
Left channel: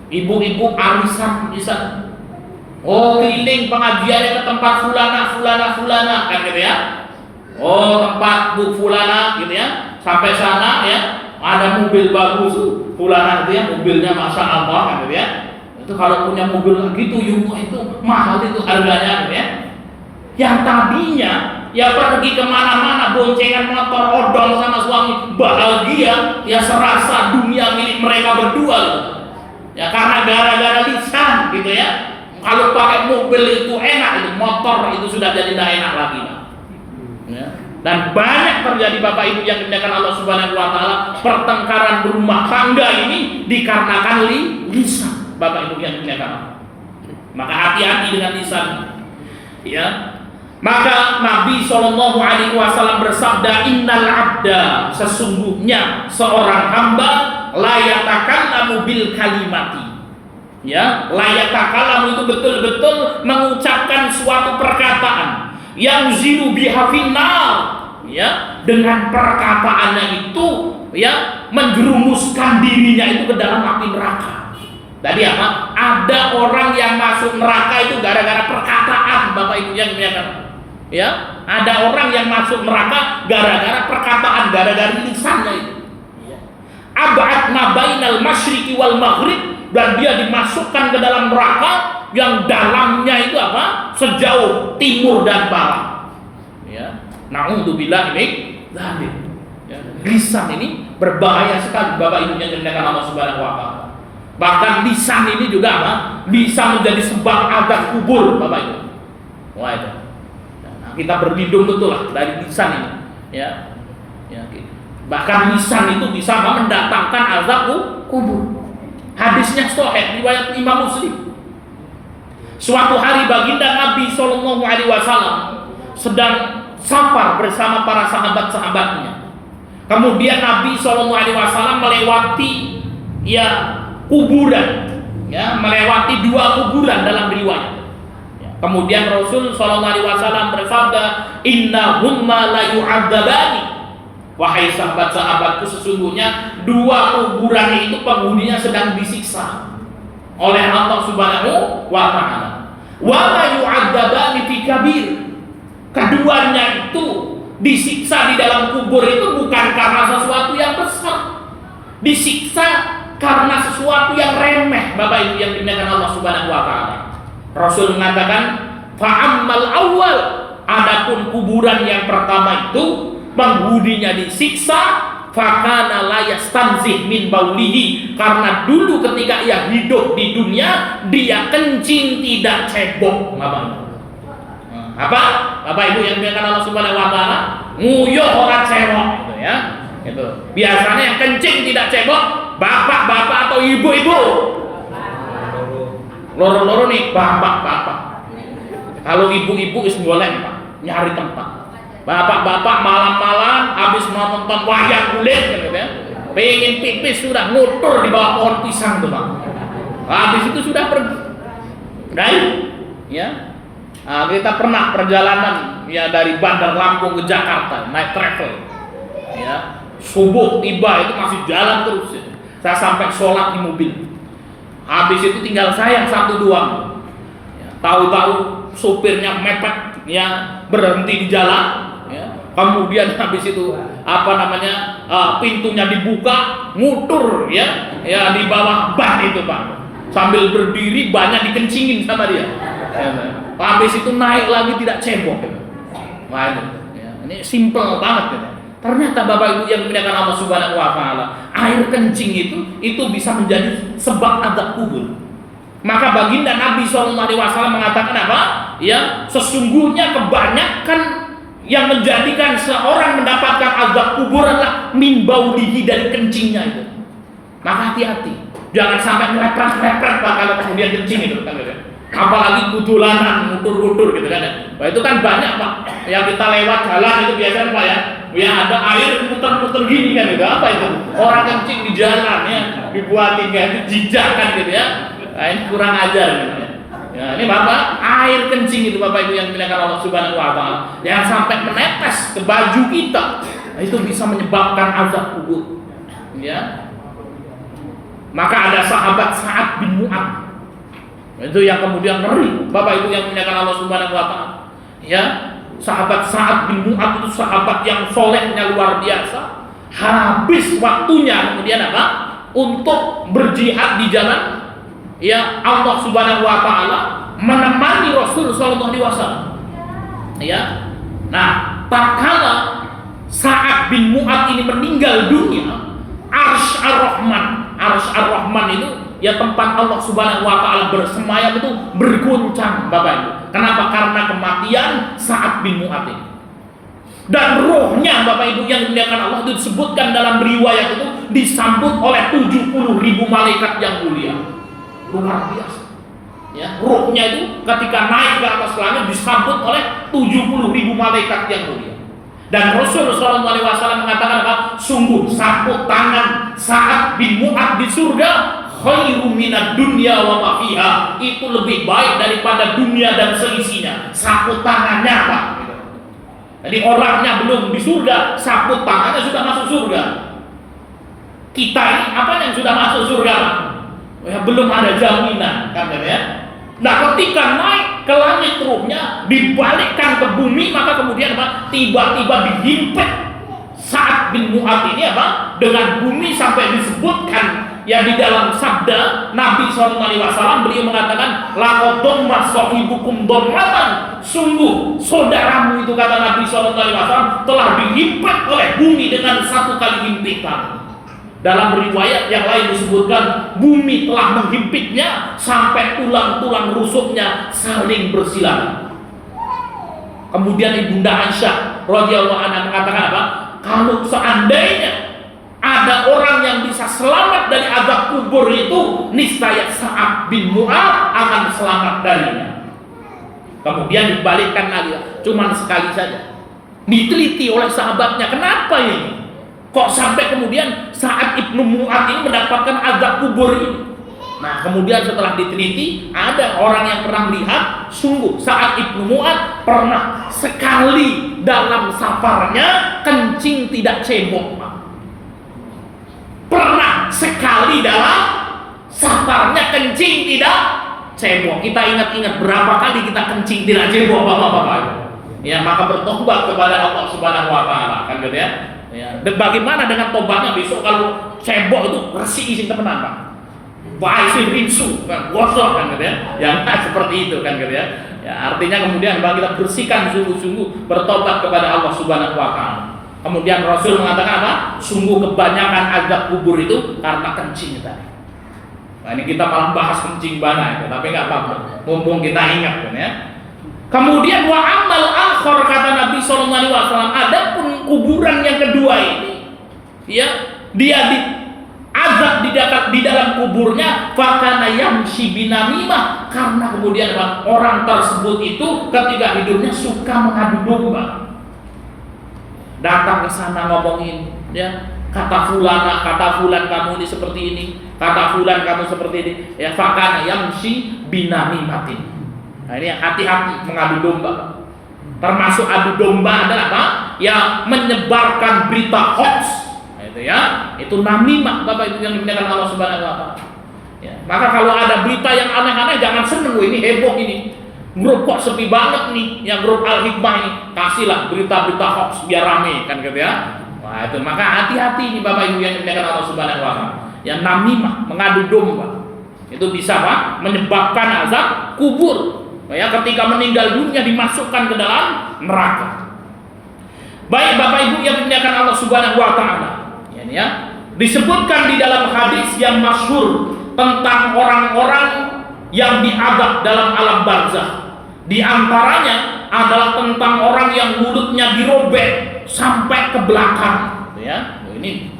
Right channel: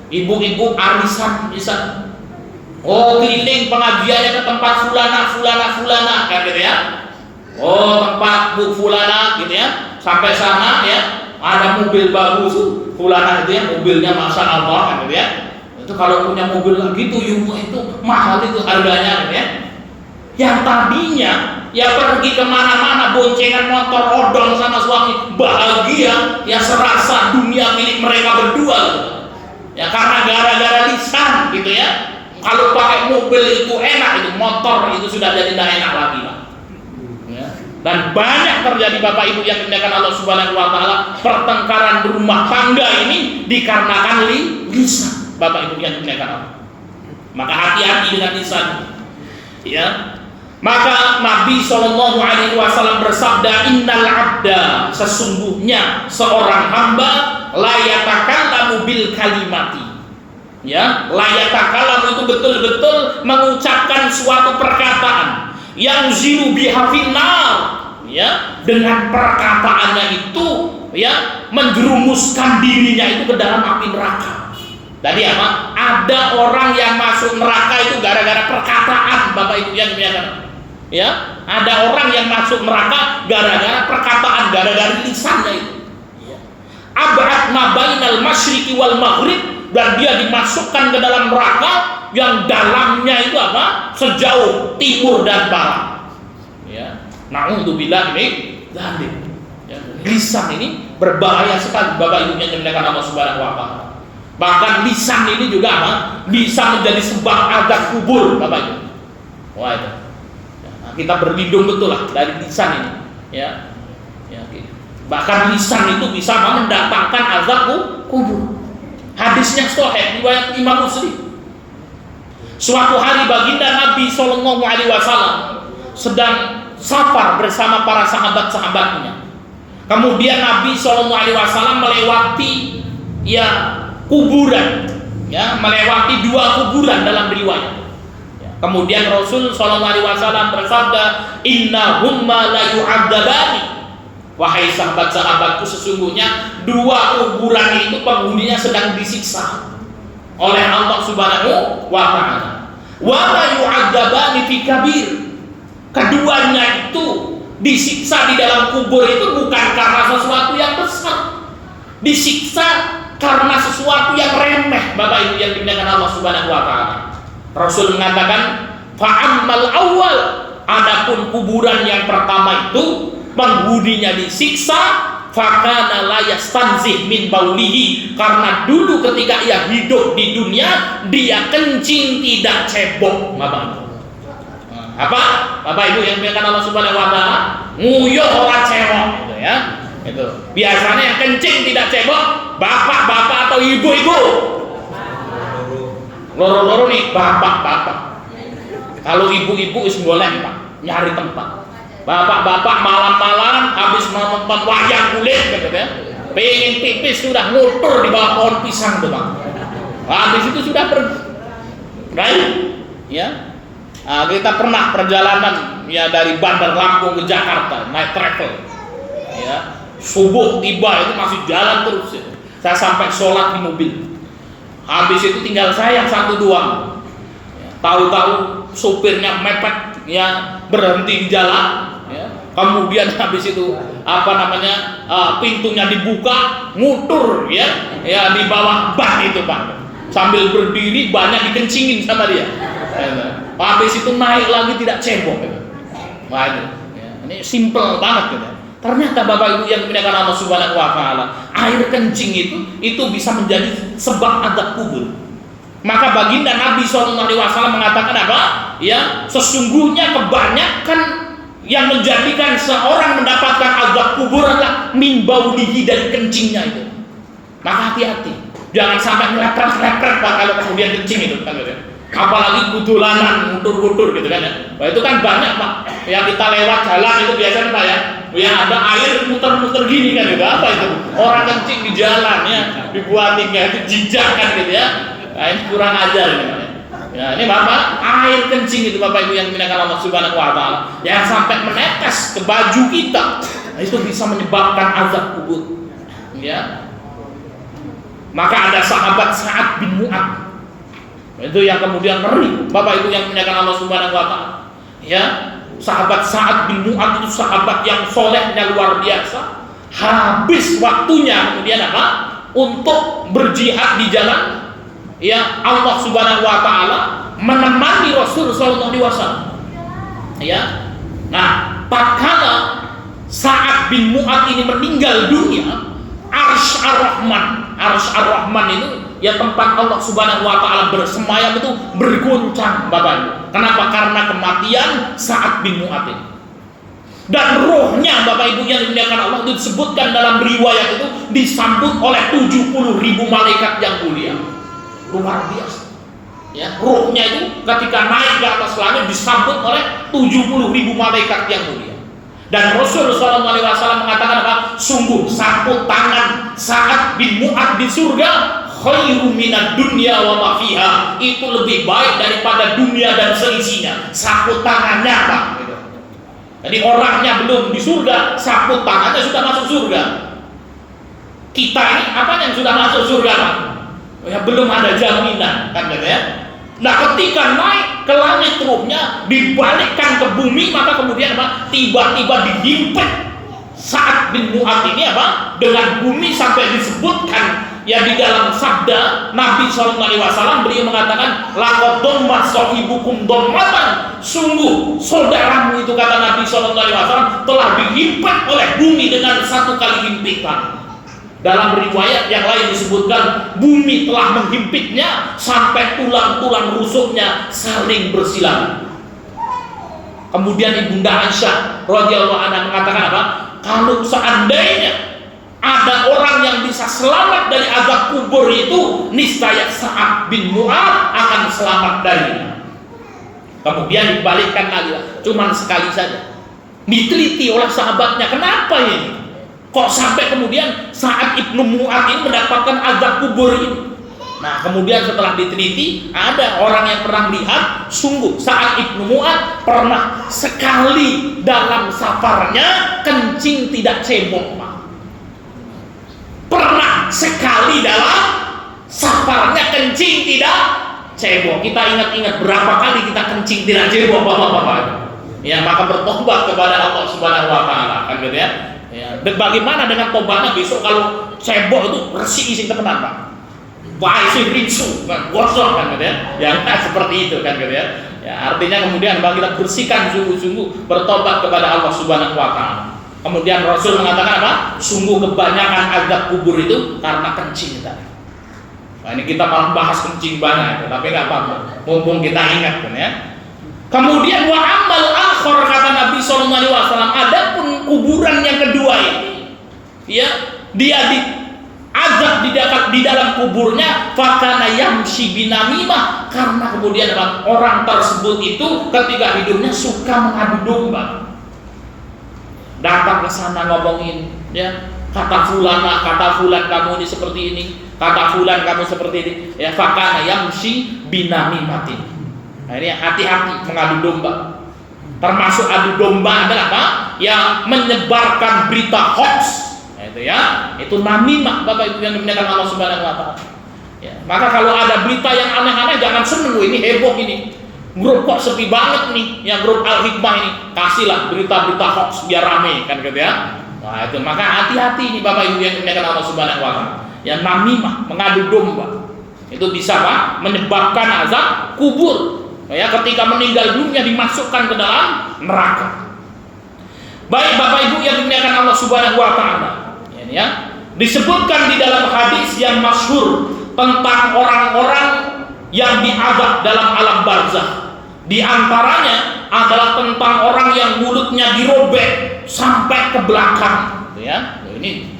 Ibu-ibu arisan bisa, oh keliling pengajiannya ke tempat fulana kan gitu ya. Oh tempat Bu fulana gitu ya. Sampai sana ya ada mobil bagus fulana gitu ya, mobilnya masya Allah kan gitu ya. Itu kalau punya mobil gitu Yumu itu mahal itu harganya gitu ya. Yang tadinya ya pergi kemana-mana boncengan motor odong sama suami bahagia ya serasa dunia milik mereka berdua gitu. Ya karena gara-gara lisan gitu ya. Kalau pakai mobil itu enak, itu motor itu sudah jadi tidak enak lagi Pak. Ya. Dan banyak terjadi Bapak Ibu yang dimuliakan Allah Subhanahu wa Ta'ala, pertengkaran rumah tangga ini dikarenakan lisan Bapak Ibu yang dimuliakan Allah. Maka hati-hati dengan lisan. Ya. Maka Nabi SAW bersabda, innal abda, sesungguhnya seorang hamba la yatakallamu bil kalimati. Ya, la yatakallamu itu betul-betul mengucapkan suatu perkataan yang zilu biha finnar, ya, dengan perkataannya itu ya menjerumuskan dirinya itu ke dalam api neraka. Tadi apa? Ada orang yang masuk neraka itu gara-gara perkataan Bapak Ibu yang dimuliakan. Ya, ada orang yang masuk neraka gara-gara perkataan, gara-gara lisannya itu. Ab'ad ma bainal masyriqi wal maghrib, dan dia dimasukkan ke dalam neraka yang dalamnya itu apa? Sejauh timur dan barat. Ya, na'udzubillah min dzalik. Ya, lisan ini berbahaya sekali Bapak Ibu yang dimuliakan Allah Subhanahu wa Ta'ala. Bahkan lisan ini juga apa? Bisa menjadi sebab azab kubur Bapak Ibu. Wah itu. Kita berlindung betul lah dari lisan ini, ya, bahkan lisan itu bisa mendatangkan azab kubur. Hadisnya sahih riwayat Imam Muslim. Suatu hari baginda Nabi SAW sedang safar bersama para sahabat-sahabatnya. Kemudian Nabi SAW melewati ya kuburan, ya melewati 2 kuburan dalam riwayat. Kemudian Rasul SAW bersabda, innahumma la yu'adzabani. Wahai sahabat-sahabatku, sesungguhnya 2 kuburan itu penghuninya sedang disiksa oleh Allah Subhanahu wa Ta'ala. Wa la yu'adzabani fi kabir. Keduanya itu Disiksa di dalam kubur itu bukan karena sesuatu yang besar, disiksa karena sesuatu yang remeh, Bapak Ibu yang dimuliakan Allah Subhanahu wa taala. Rasul mengatakan, fa'ammal awal, adapun kuburan yang pertama itu penghuninya disiksa, fakana la yastanzih min baulihi, karena dulu ketika ia hidup di dunia dia kencing tidak cebok, Bapak Ibu. Apa? Bapak Ibu yang dimuliakan Allah Subhanahu wa taala, nguyuh ora cewek gitu ya. Itu. Biasanya yang kencing tidak cebok bapak-bapak atau ibu-ibu. Loro-loro nih bapak-bapak. Kalau ibu-ibu is golek, Pak, nyari tempat. Bapak-bapak malam-malam habis nonton wayang kulit gitu ya. Pengen pipis sudah ngutur di bawah pohon pisang tuh, Pak. Habis itu sudah pergi. Right? Ya. Nah, kita pernah perjalanan ya dari Bandar Lampung ke Jakarta naik travel. Ya. Subuh tiba itu masih jalan terus ya. Saya sampai sholat di mobil. Habis itu tinggal saya satu doang. Ya, tahu-tahu sopirnya mepet ya, berhenti di jalan ya. Kemudian habis itu pintunya dibuka, ngutur ya di bawah ban itu, Pak. Sambil berdiri banyak dikencingin sama dia. Ya, habis itu naik lagi tidak cebok. Wah itu ya, ini simple banget gitu. Ternyata Bapak Ibu yang dimuliakan Allah Subhanahu wa taala, air kencing itu bisa menjadi sebab azab kubur. Maka baginda Nabi SAW mengatakan apa? Ya, sesungguhnya kebanyakan yang menjadikan seorang mendapatkan azab kubur adalah min baulihi, dari kencingnya itu. Maka hati-hati, jangan sampai melepret-lepret, Pak, kalau kemudian kencing itu kan gitu ya. Apalagi kudulanan, ngutur-ngutur gitu kan ya. Nah, itu kan banyak, Pak. Yang kita lewat jalan itu biasanya, Pak ya. Ya ada air muter-muter gini kan itu. Apa itu? Orang kencing di jalan ya, dibuatin kayak itu jejak kan gitu ya. Nah, ini kurang ajar ini, Pak ya. Ya, ini Bapak, air kencing itu Bapak Ibu yang dimuliakan Allah Subhanahu wa taala, yang sampai menetes ke baju kita. Nah, itu bisa menyebabkan azab kubur. Ya. Maka ada sahabat Sa'ad bin Mu'adz. Itu yang kemudian ngeri, Bapak Ibu yang dimuliakan Allah Subhanahu wa taala. Ya, sahabat Sa'ad bin Mu'adz itu sahabat yang solehnya luar biasa. Habis waktunya kemudian apa? Untuk berjihad di jalan ya Allah Subhanahu wa taala, menemani Rasul sallallahu alaihi wasallam. Ya. Nah, tatkala Sa'ad bin Mu'adz ini meninggal dunia, Arsy Ar-Rahman itu ya tempat Allah Subhanahu wa taala bersemayam itu berguncang, Bapak Ibu. Kenapa? Karena kematian Sa'ad bin Mu'adz ini. Dan rohnya Bapak Ibu yang dimuliakan Allah itu disebutkan dalam riwayat itu disambut oleh 70.000 malaikat yang mulia. Luar biasa. Ya, rohnya itu ketika naik ke atas langit disambut oleh 70.000 malaikat yang mulia. Dan Rasul SAW mengatakan apa? Sungguh sapu tangan Sa'ad bin Mu'adz di surga khairu minad dunya wa ma fiha, itu lebih baik daripada dunia dan seisinya. Sapu tangannya, Pak. Jadi orangnya belum di surga, sapu tangannya sudah masuk surga. Kita ini apa yang sudah masuk surga, Pak? Ya belum ada jaminan, kan gitu ya. Nah, ketika naik ke langit ruhnya, dibalikkan ke bumi, maka kemudian apa? Tiba-tiba dihimpit Sa'ad bin Mu'adz ini apa? Dengan bumi, sampai disebutkan ya di dalam sabda Nabi SAW, beliau mengatakan laqad damma sahibukum dammatan, sungguh saudaramu itu, kata Nabi SAW, telah dihimpit oleh bumi dengan satu kali himpitan. Dalam riwayat yang lain disebutkan bumi telah menghimpitnya sampai tulang-tulang rusuknya saling bersilang. Kemudian Ibunda Aisyah radhiyallahu anha mengatakan apa? Kalau seandainya ada orang yang bisa selamat dari azab kubur itu, niscaya Sa'ad bin Mu'adz akan selamat darinya. Kemudian dibalikkan lagi, cuman sekali saja. Diteliti oleh sahabatnya, kenapa ini? Kok sampai kemudian Sa'ad ibnu Mu'adz ini mendapatkan azab kubur ini? Nah, kemudian setelah diteliti, ada orang yang pernah lihat, sungguh Sa'ad ibnu Mu'adz pernah sekali dalam safarnya kencing tidak cebok, Pak. Pernah sekali dalam safarnya kencing tidak cebok. Kita ingat-ingat berapa kali kita kencing tidak cebok, Bapak-bapak. ya maka bertobat kepada Allah Subhanahu wa taala, kan gitu ya. Ya, dan bagaimana dengan tobatnya besok kalau cebok itu resik isi temenan, Pak. Baik sih rinsu, gosok kan gitu ya. Ya nah, seperti itu kan gitu ya. Ya artinya kemudian bahwa kita bersihkan sungguh-sungguh bertobat kepada Allah Subhanahu wa taala. Kemudian Rasul mengatakan apa? Sungguh kebanyakan azab kubur itu karena kencing tadi. Nah, ini kita malah bahas kencing banyak itu, tapi nggak apa-apa. Mumpung kita ingat kan ya. Kemudian wa amal akhir kata Nabi sallallahu alaihi wasallam, adapun kuburan yang kedua ini ya, dia diazab di dalam kuburnya fakana yamshi binamimah, karena kemudian apa? Orang tersebut itu ketika hidupnya suka mengadu domba. Datang ke sana ngomongin ya, kata fulan kamu ini seperti ini, kata fulan kamu seperti ini ya, fakana yamshi binamimatin. Nah ini hati-hati mengadu domba. Termasuk adu domba adalah apa? Yang menyebarkan berita hoax. Nah, itu ya, itu namimah, Bapak Ibu yang dimuliakan Allah Subhanahu wa taala. Ya, maka kalau ada berita yang aneh-aneh jangan seneng, ini heboh ini. Grup kok sepi banget nih, ya grup Al-Hikmah ini. Kasihlah berita-berita hoax biar rame kan gitu ya. Wah, itu maka hati-hati nih Bapak Ibu yang dimuliakan Allah Subhanahu wa taala. Yang namimah, mengadu domba. Itu bisa apa? Menyebabkan azab kubur. Ya, ketika meninggal dunia dimasukkan ke dalam neraka. Baik Bapak Ibu yang dimuliakan Allah Subhanahu wa taala. Ya, disebutkan di dalam hadis yang masyhur tentang orang-orang yang diazab dalam alam barzakh. Di antaranya adalah tentang orang yang mulutnya dirobek sampai ke belakang. Ya, ini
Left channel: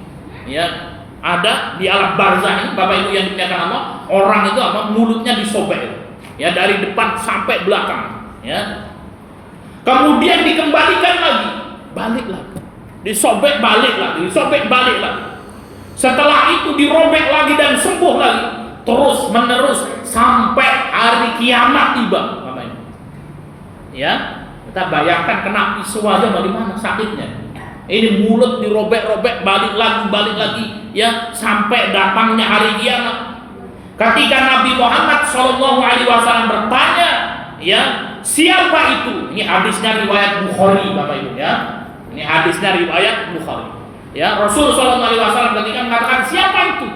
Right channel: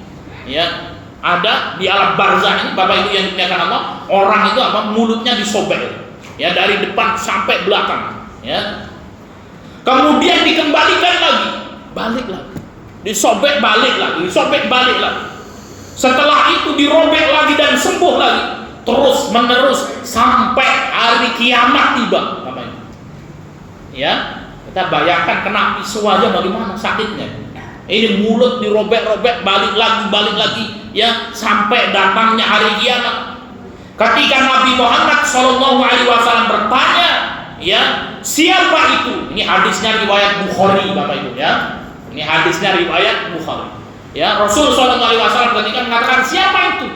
ya ada di alam barzakh ini Bapak Ibu yang dimuliakan Allah, orang itu apa? Mulutnya disobek. Ya dari depan sampai belakang ya. Kemudian dikembalikan lagi, balik lagi, disobek balik lagi, disobek balik lagi. Setelah itu dirobek lagi dan sembuh lagi, terus menerus sampai hari kiamat tiba. Ya, kita bayangkan kena pisau aja bagaimana sakitnya. Ini mulut dirobek-robek, balik lagi ya, sampai datangnya hari kiamat. Ketika Nabi Muhammad SAW bertanya, ya siapa itu? Ini hadisnya riwayat Bukhari, Bapak Ibu ya. Ini hadisnya riwayat Bukhari. Ya Rasul SAW ketika mengatakan siapa itu?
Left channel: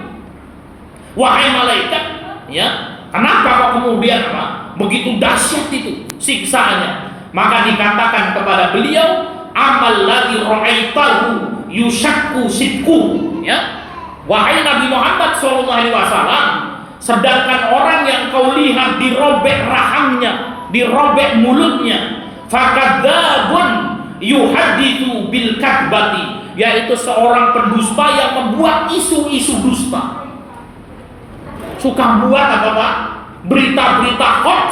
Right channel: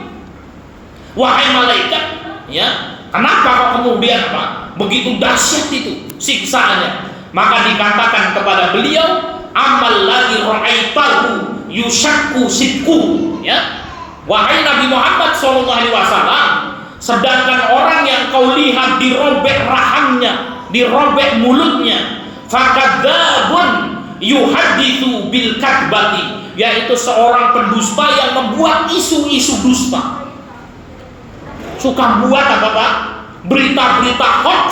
Wahai malaikat, ya kenapa kok kemudian apa? Begitu dahsyat itu siksaannya? Maka dikatakan kepada beliau, amal ladzi ra'aitahu yushakku sidquhu. Ya, wahai Nabi Muhammad SAW. Sedangkan orang yang kau lihat dirobek rahangnya, dirobek mulutnya, fakadzabun yuhaditsu bil kadbati, yaitu seorang pendusta yang membuat isu-isu dusta. Suka buat apa Pak? Berita-berita hoax,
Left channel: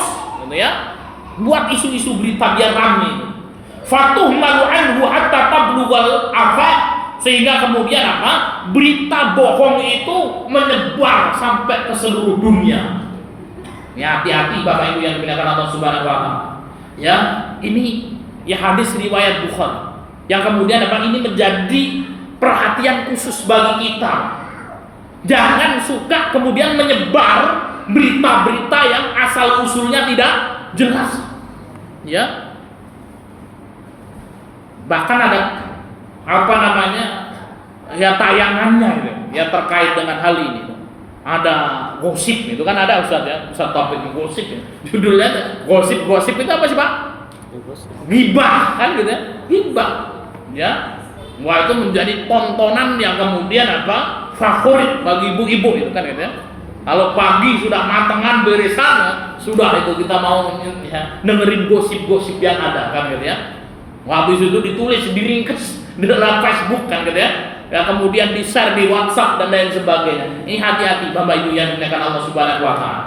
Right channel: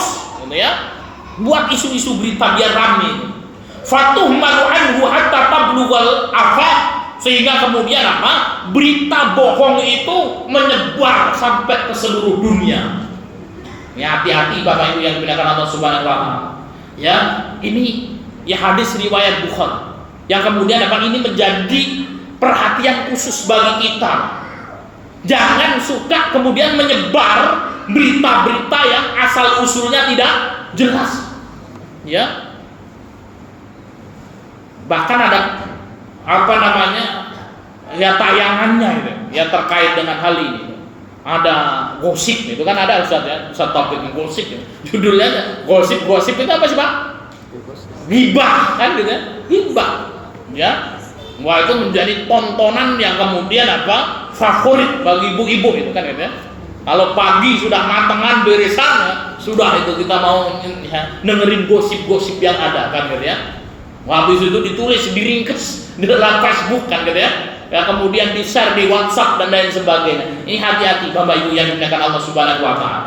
gitu ya. Buat isu-isu berita biar rame. Fatuhmalu anhu hatta tablughal afaq, sehingga kemudian apa? Berita bohong itu menyebar sampai ke seluruh dunia. Ya hati-hati Bapak Ibu yang dimuliakan Allah Subhanahu wa taala. Ya, ini ya hadis riwayat Bukhari. Yang kemudian apa? Ini menjadi perhatian khusus bagi kita. Jangan suka kemudian menyebar berita-berita yang asal usulnya tidak jelas. Ya. Bahkan ada apa namanya ya tayangannya itu ya terkait dengan hal ini. Ada gosip itu kan ada Ustaz ya, Ustaz topik gosip ya. Judulnya gosip itu apa sih Pak? Ghibah kan gitu ya, ghibah ya. Wah itu menjadi tontonan yang kemudian apa favorit bagi ibu-ibu itu kan gitu ya. Kalau pagi sudah matengan beresan ya, sudah itu kita mau ya, dengerin gosip-gosip yang ada kan gitu ya. Wah, habis itu ditulis, diringkes di dalam Facebook kan gitu ya. Ya kemudian di-share di WhatsApp dan lain sebagainya. Ini hati-hati Bapak Ibu yang dimuliakan Allah Subhanahu wa taala.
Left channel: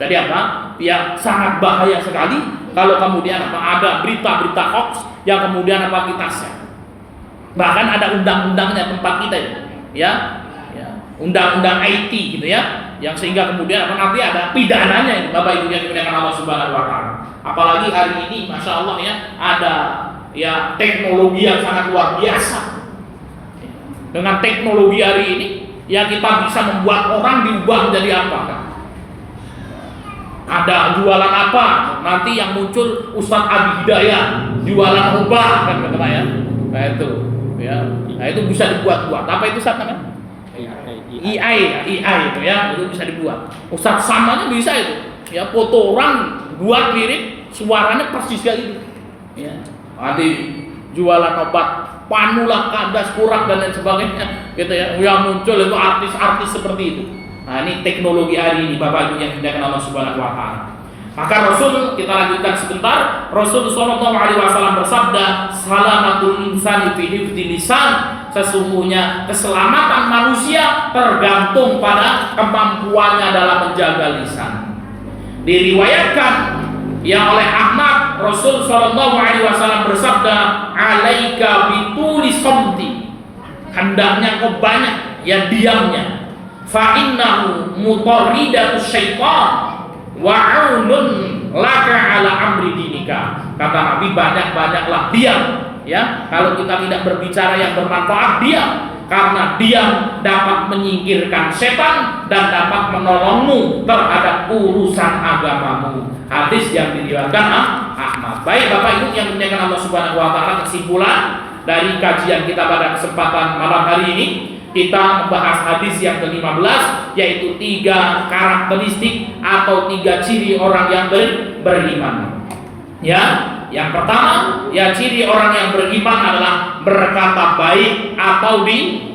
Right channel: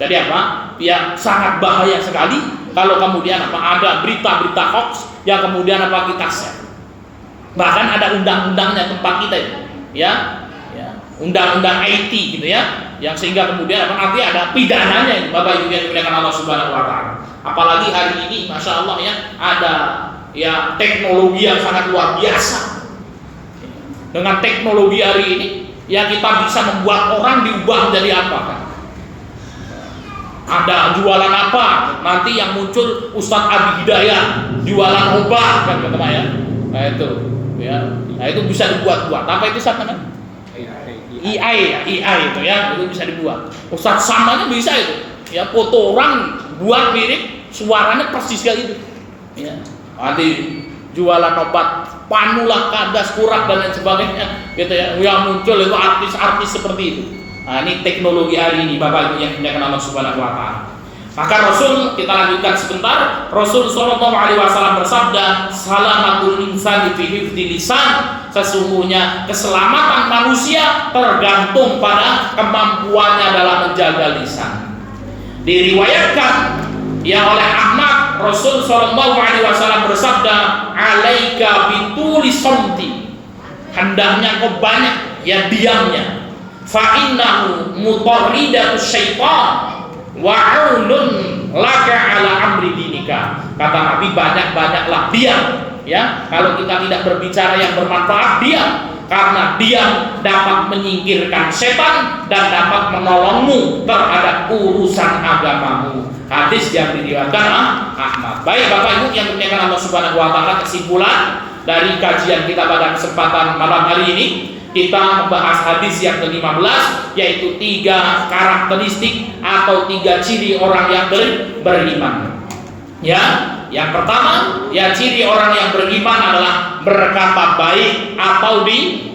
Jadi apa? Ya sangat bahaya sekali kalau kemudian apa ada berita-berita hoax yang kemudian apa kita share. Bahkan ada undang-undangnya tempat kita itu. Ya. Ya, undang-undang IT gitu ya. Yang sehingga kemudian apa nanti ada pidananya itu Bapak Ibu yang dimuliakan Allah Subhanahu wa taala. Apalagi hari ini Masya Allah ya ada ya teknologi yang sangat luar biasa. Dengan teknologi hari ini ya kita bisa membuat orang diubah menjadi apa kan? Ada jualan apa nanti yang muncul Ustadz Abi Hidayah jualan obat kan kata Pak ya. Nah itu ya. Nah itu bisa dibuat-buat. Apa itu Ustaz namanya? AI itu ya, itu bisa dibuat. Ustaz samanya bisa itu. Ya foto orang buat mirip, suaranya persis kayak gitu. Ya. Nanti jualan obat panulah, kadas, kurak dan lain sebagainya gitu ya. Yang muncul itu artis-artis seperti itu. Nah, ini teknologi hari ini Bapak Ibu yang dimuliakan Allah Subhanahu wa taala. Maka Rasul, kita lanjutkan sebentar. Rasul sallallahu alaihi wasallam bersabda, "Salamatul insani fi hifdzi lisan." Sesungguhnya keselamatan manusia tergantung pada kemampuannya dalam menjaga lisan. Diriwayatkan ya oleh Ahmad, Rasul sallallahu alaihi wasallam bersabda, "Alaika bituli somti." Hendaknya kau banyak ya diamnya. Fa innahu mutarridatus syaitan wa aunun laka ala amri dinika. Kata Nabi, banyak-banyaklah diam ya. Kalau kita tidak berbicara yang bermanfaat, diam, karena diam dapat menyingkirkan setan dan dapat menolongmu terhadap urusan agamamu. Hadis yang diriwayatkan Ahmad. Baik Bapak Ibu yang dimuliakan Allah Subhanahu wa taala, kesimpulan dari kajian kita pada kesempatan malam hari ini, kita membahas hadis yang ke-15, yaitu 3 karakteristik atau 3 ciri orang yang beriman. Ya, yang pertama, ya ciri orang yang beriman adalah berkata baik atau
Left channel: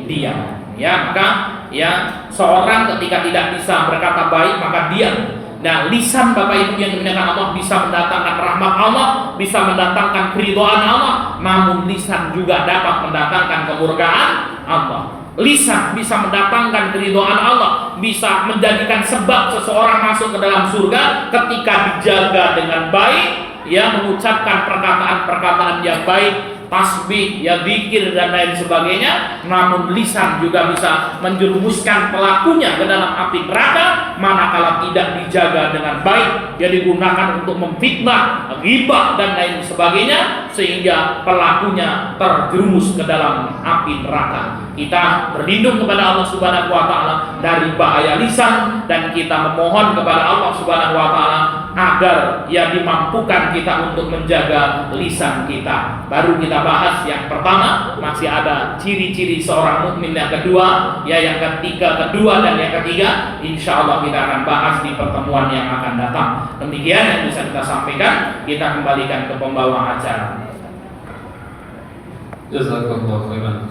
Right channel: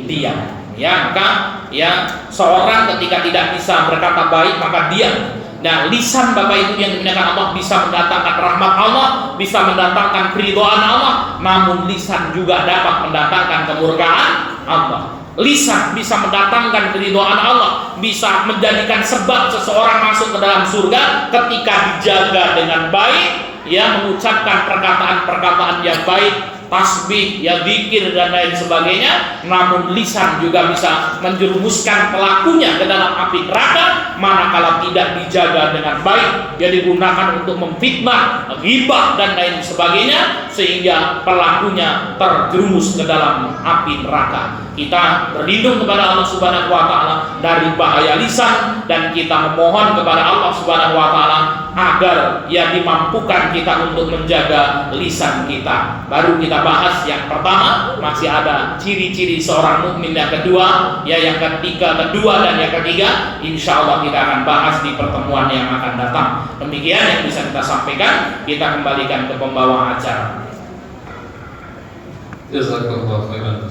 diam. Ya, maka ya seorang ketika tidak bisa berkata baik maka diam. Nah, lisan Bapak Ibu yang dimuliakan Allah bisa mendatangkan rahmat Allah, bisa mendatangkan keridhaan Allah, namun lisan juga dapat mendatangkan kemurkaan Allah. Lisan bisa mendatangkan keridhaan Allah, bisa menjadikan sebab seseorang masuk ke dalam surga ketika dijaga dengan baik, ya, mengucapkan perkataan-perkataan yang baik, tasbih, ya, zikir dan lain sebagainya. Namun lisan juga bisa menjerumuskan pelakunya ke dalam api neraka manakala tidak dijaga dengan baik, ya, digunakan untuk memfitnah, ghibah dan lain sebagainya, sehingga pelakunya terjerumus ke dalam api neraka. Kita berlindung kepada Allah Subhanahu wa taala dari bahaya lisan, dan kita memohon kepada Allah Subhanahu wa taala agar ya dimampukan kita untuk menjaga lisan kita. Baru kita bahas yang pertama, masih ada ciri-ciri seorang mukmin yang kedua, ya, yang kedua dan yang ketiga, insya Allah kita akan bahas di pertemuan yang akan datang. Demikian yang bisa kita sampaikan. Kita kembalikan ke pembawa acara. Jazakallahu khairan.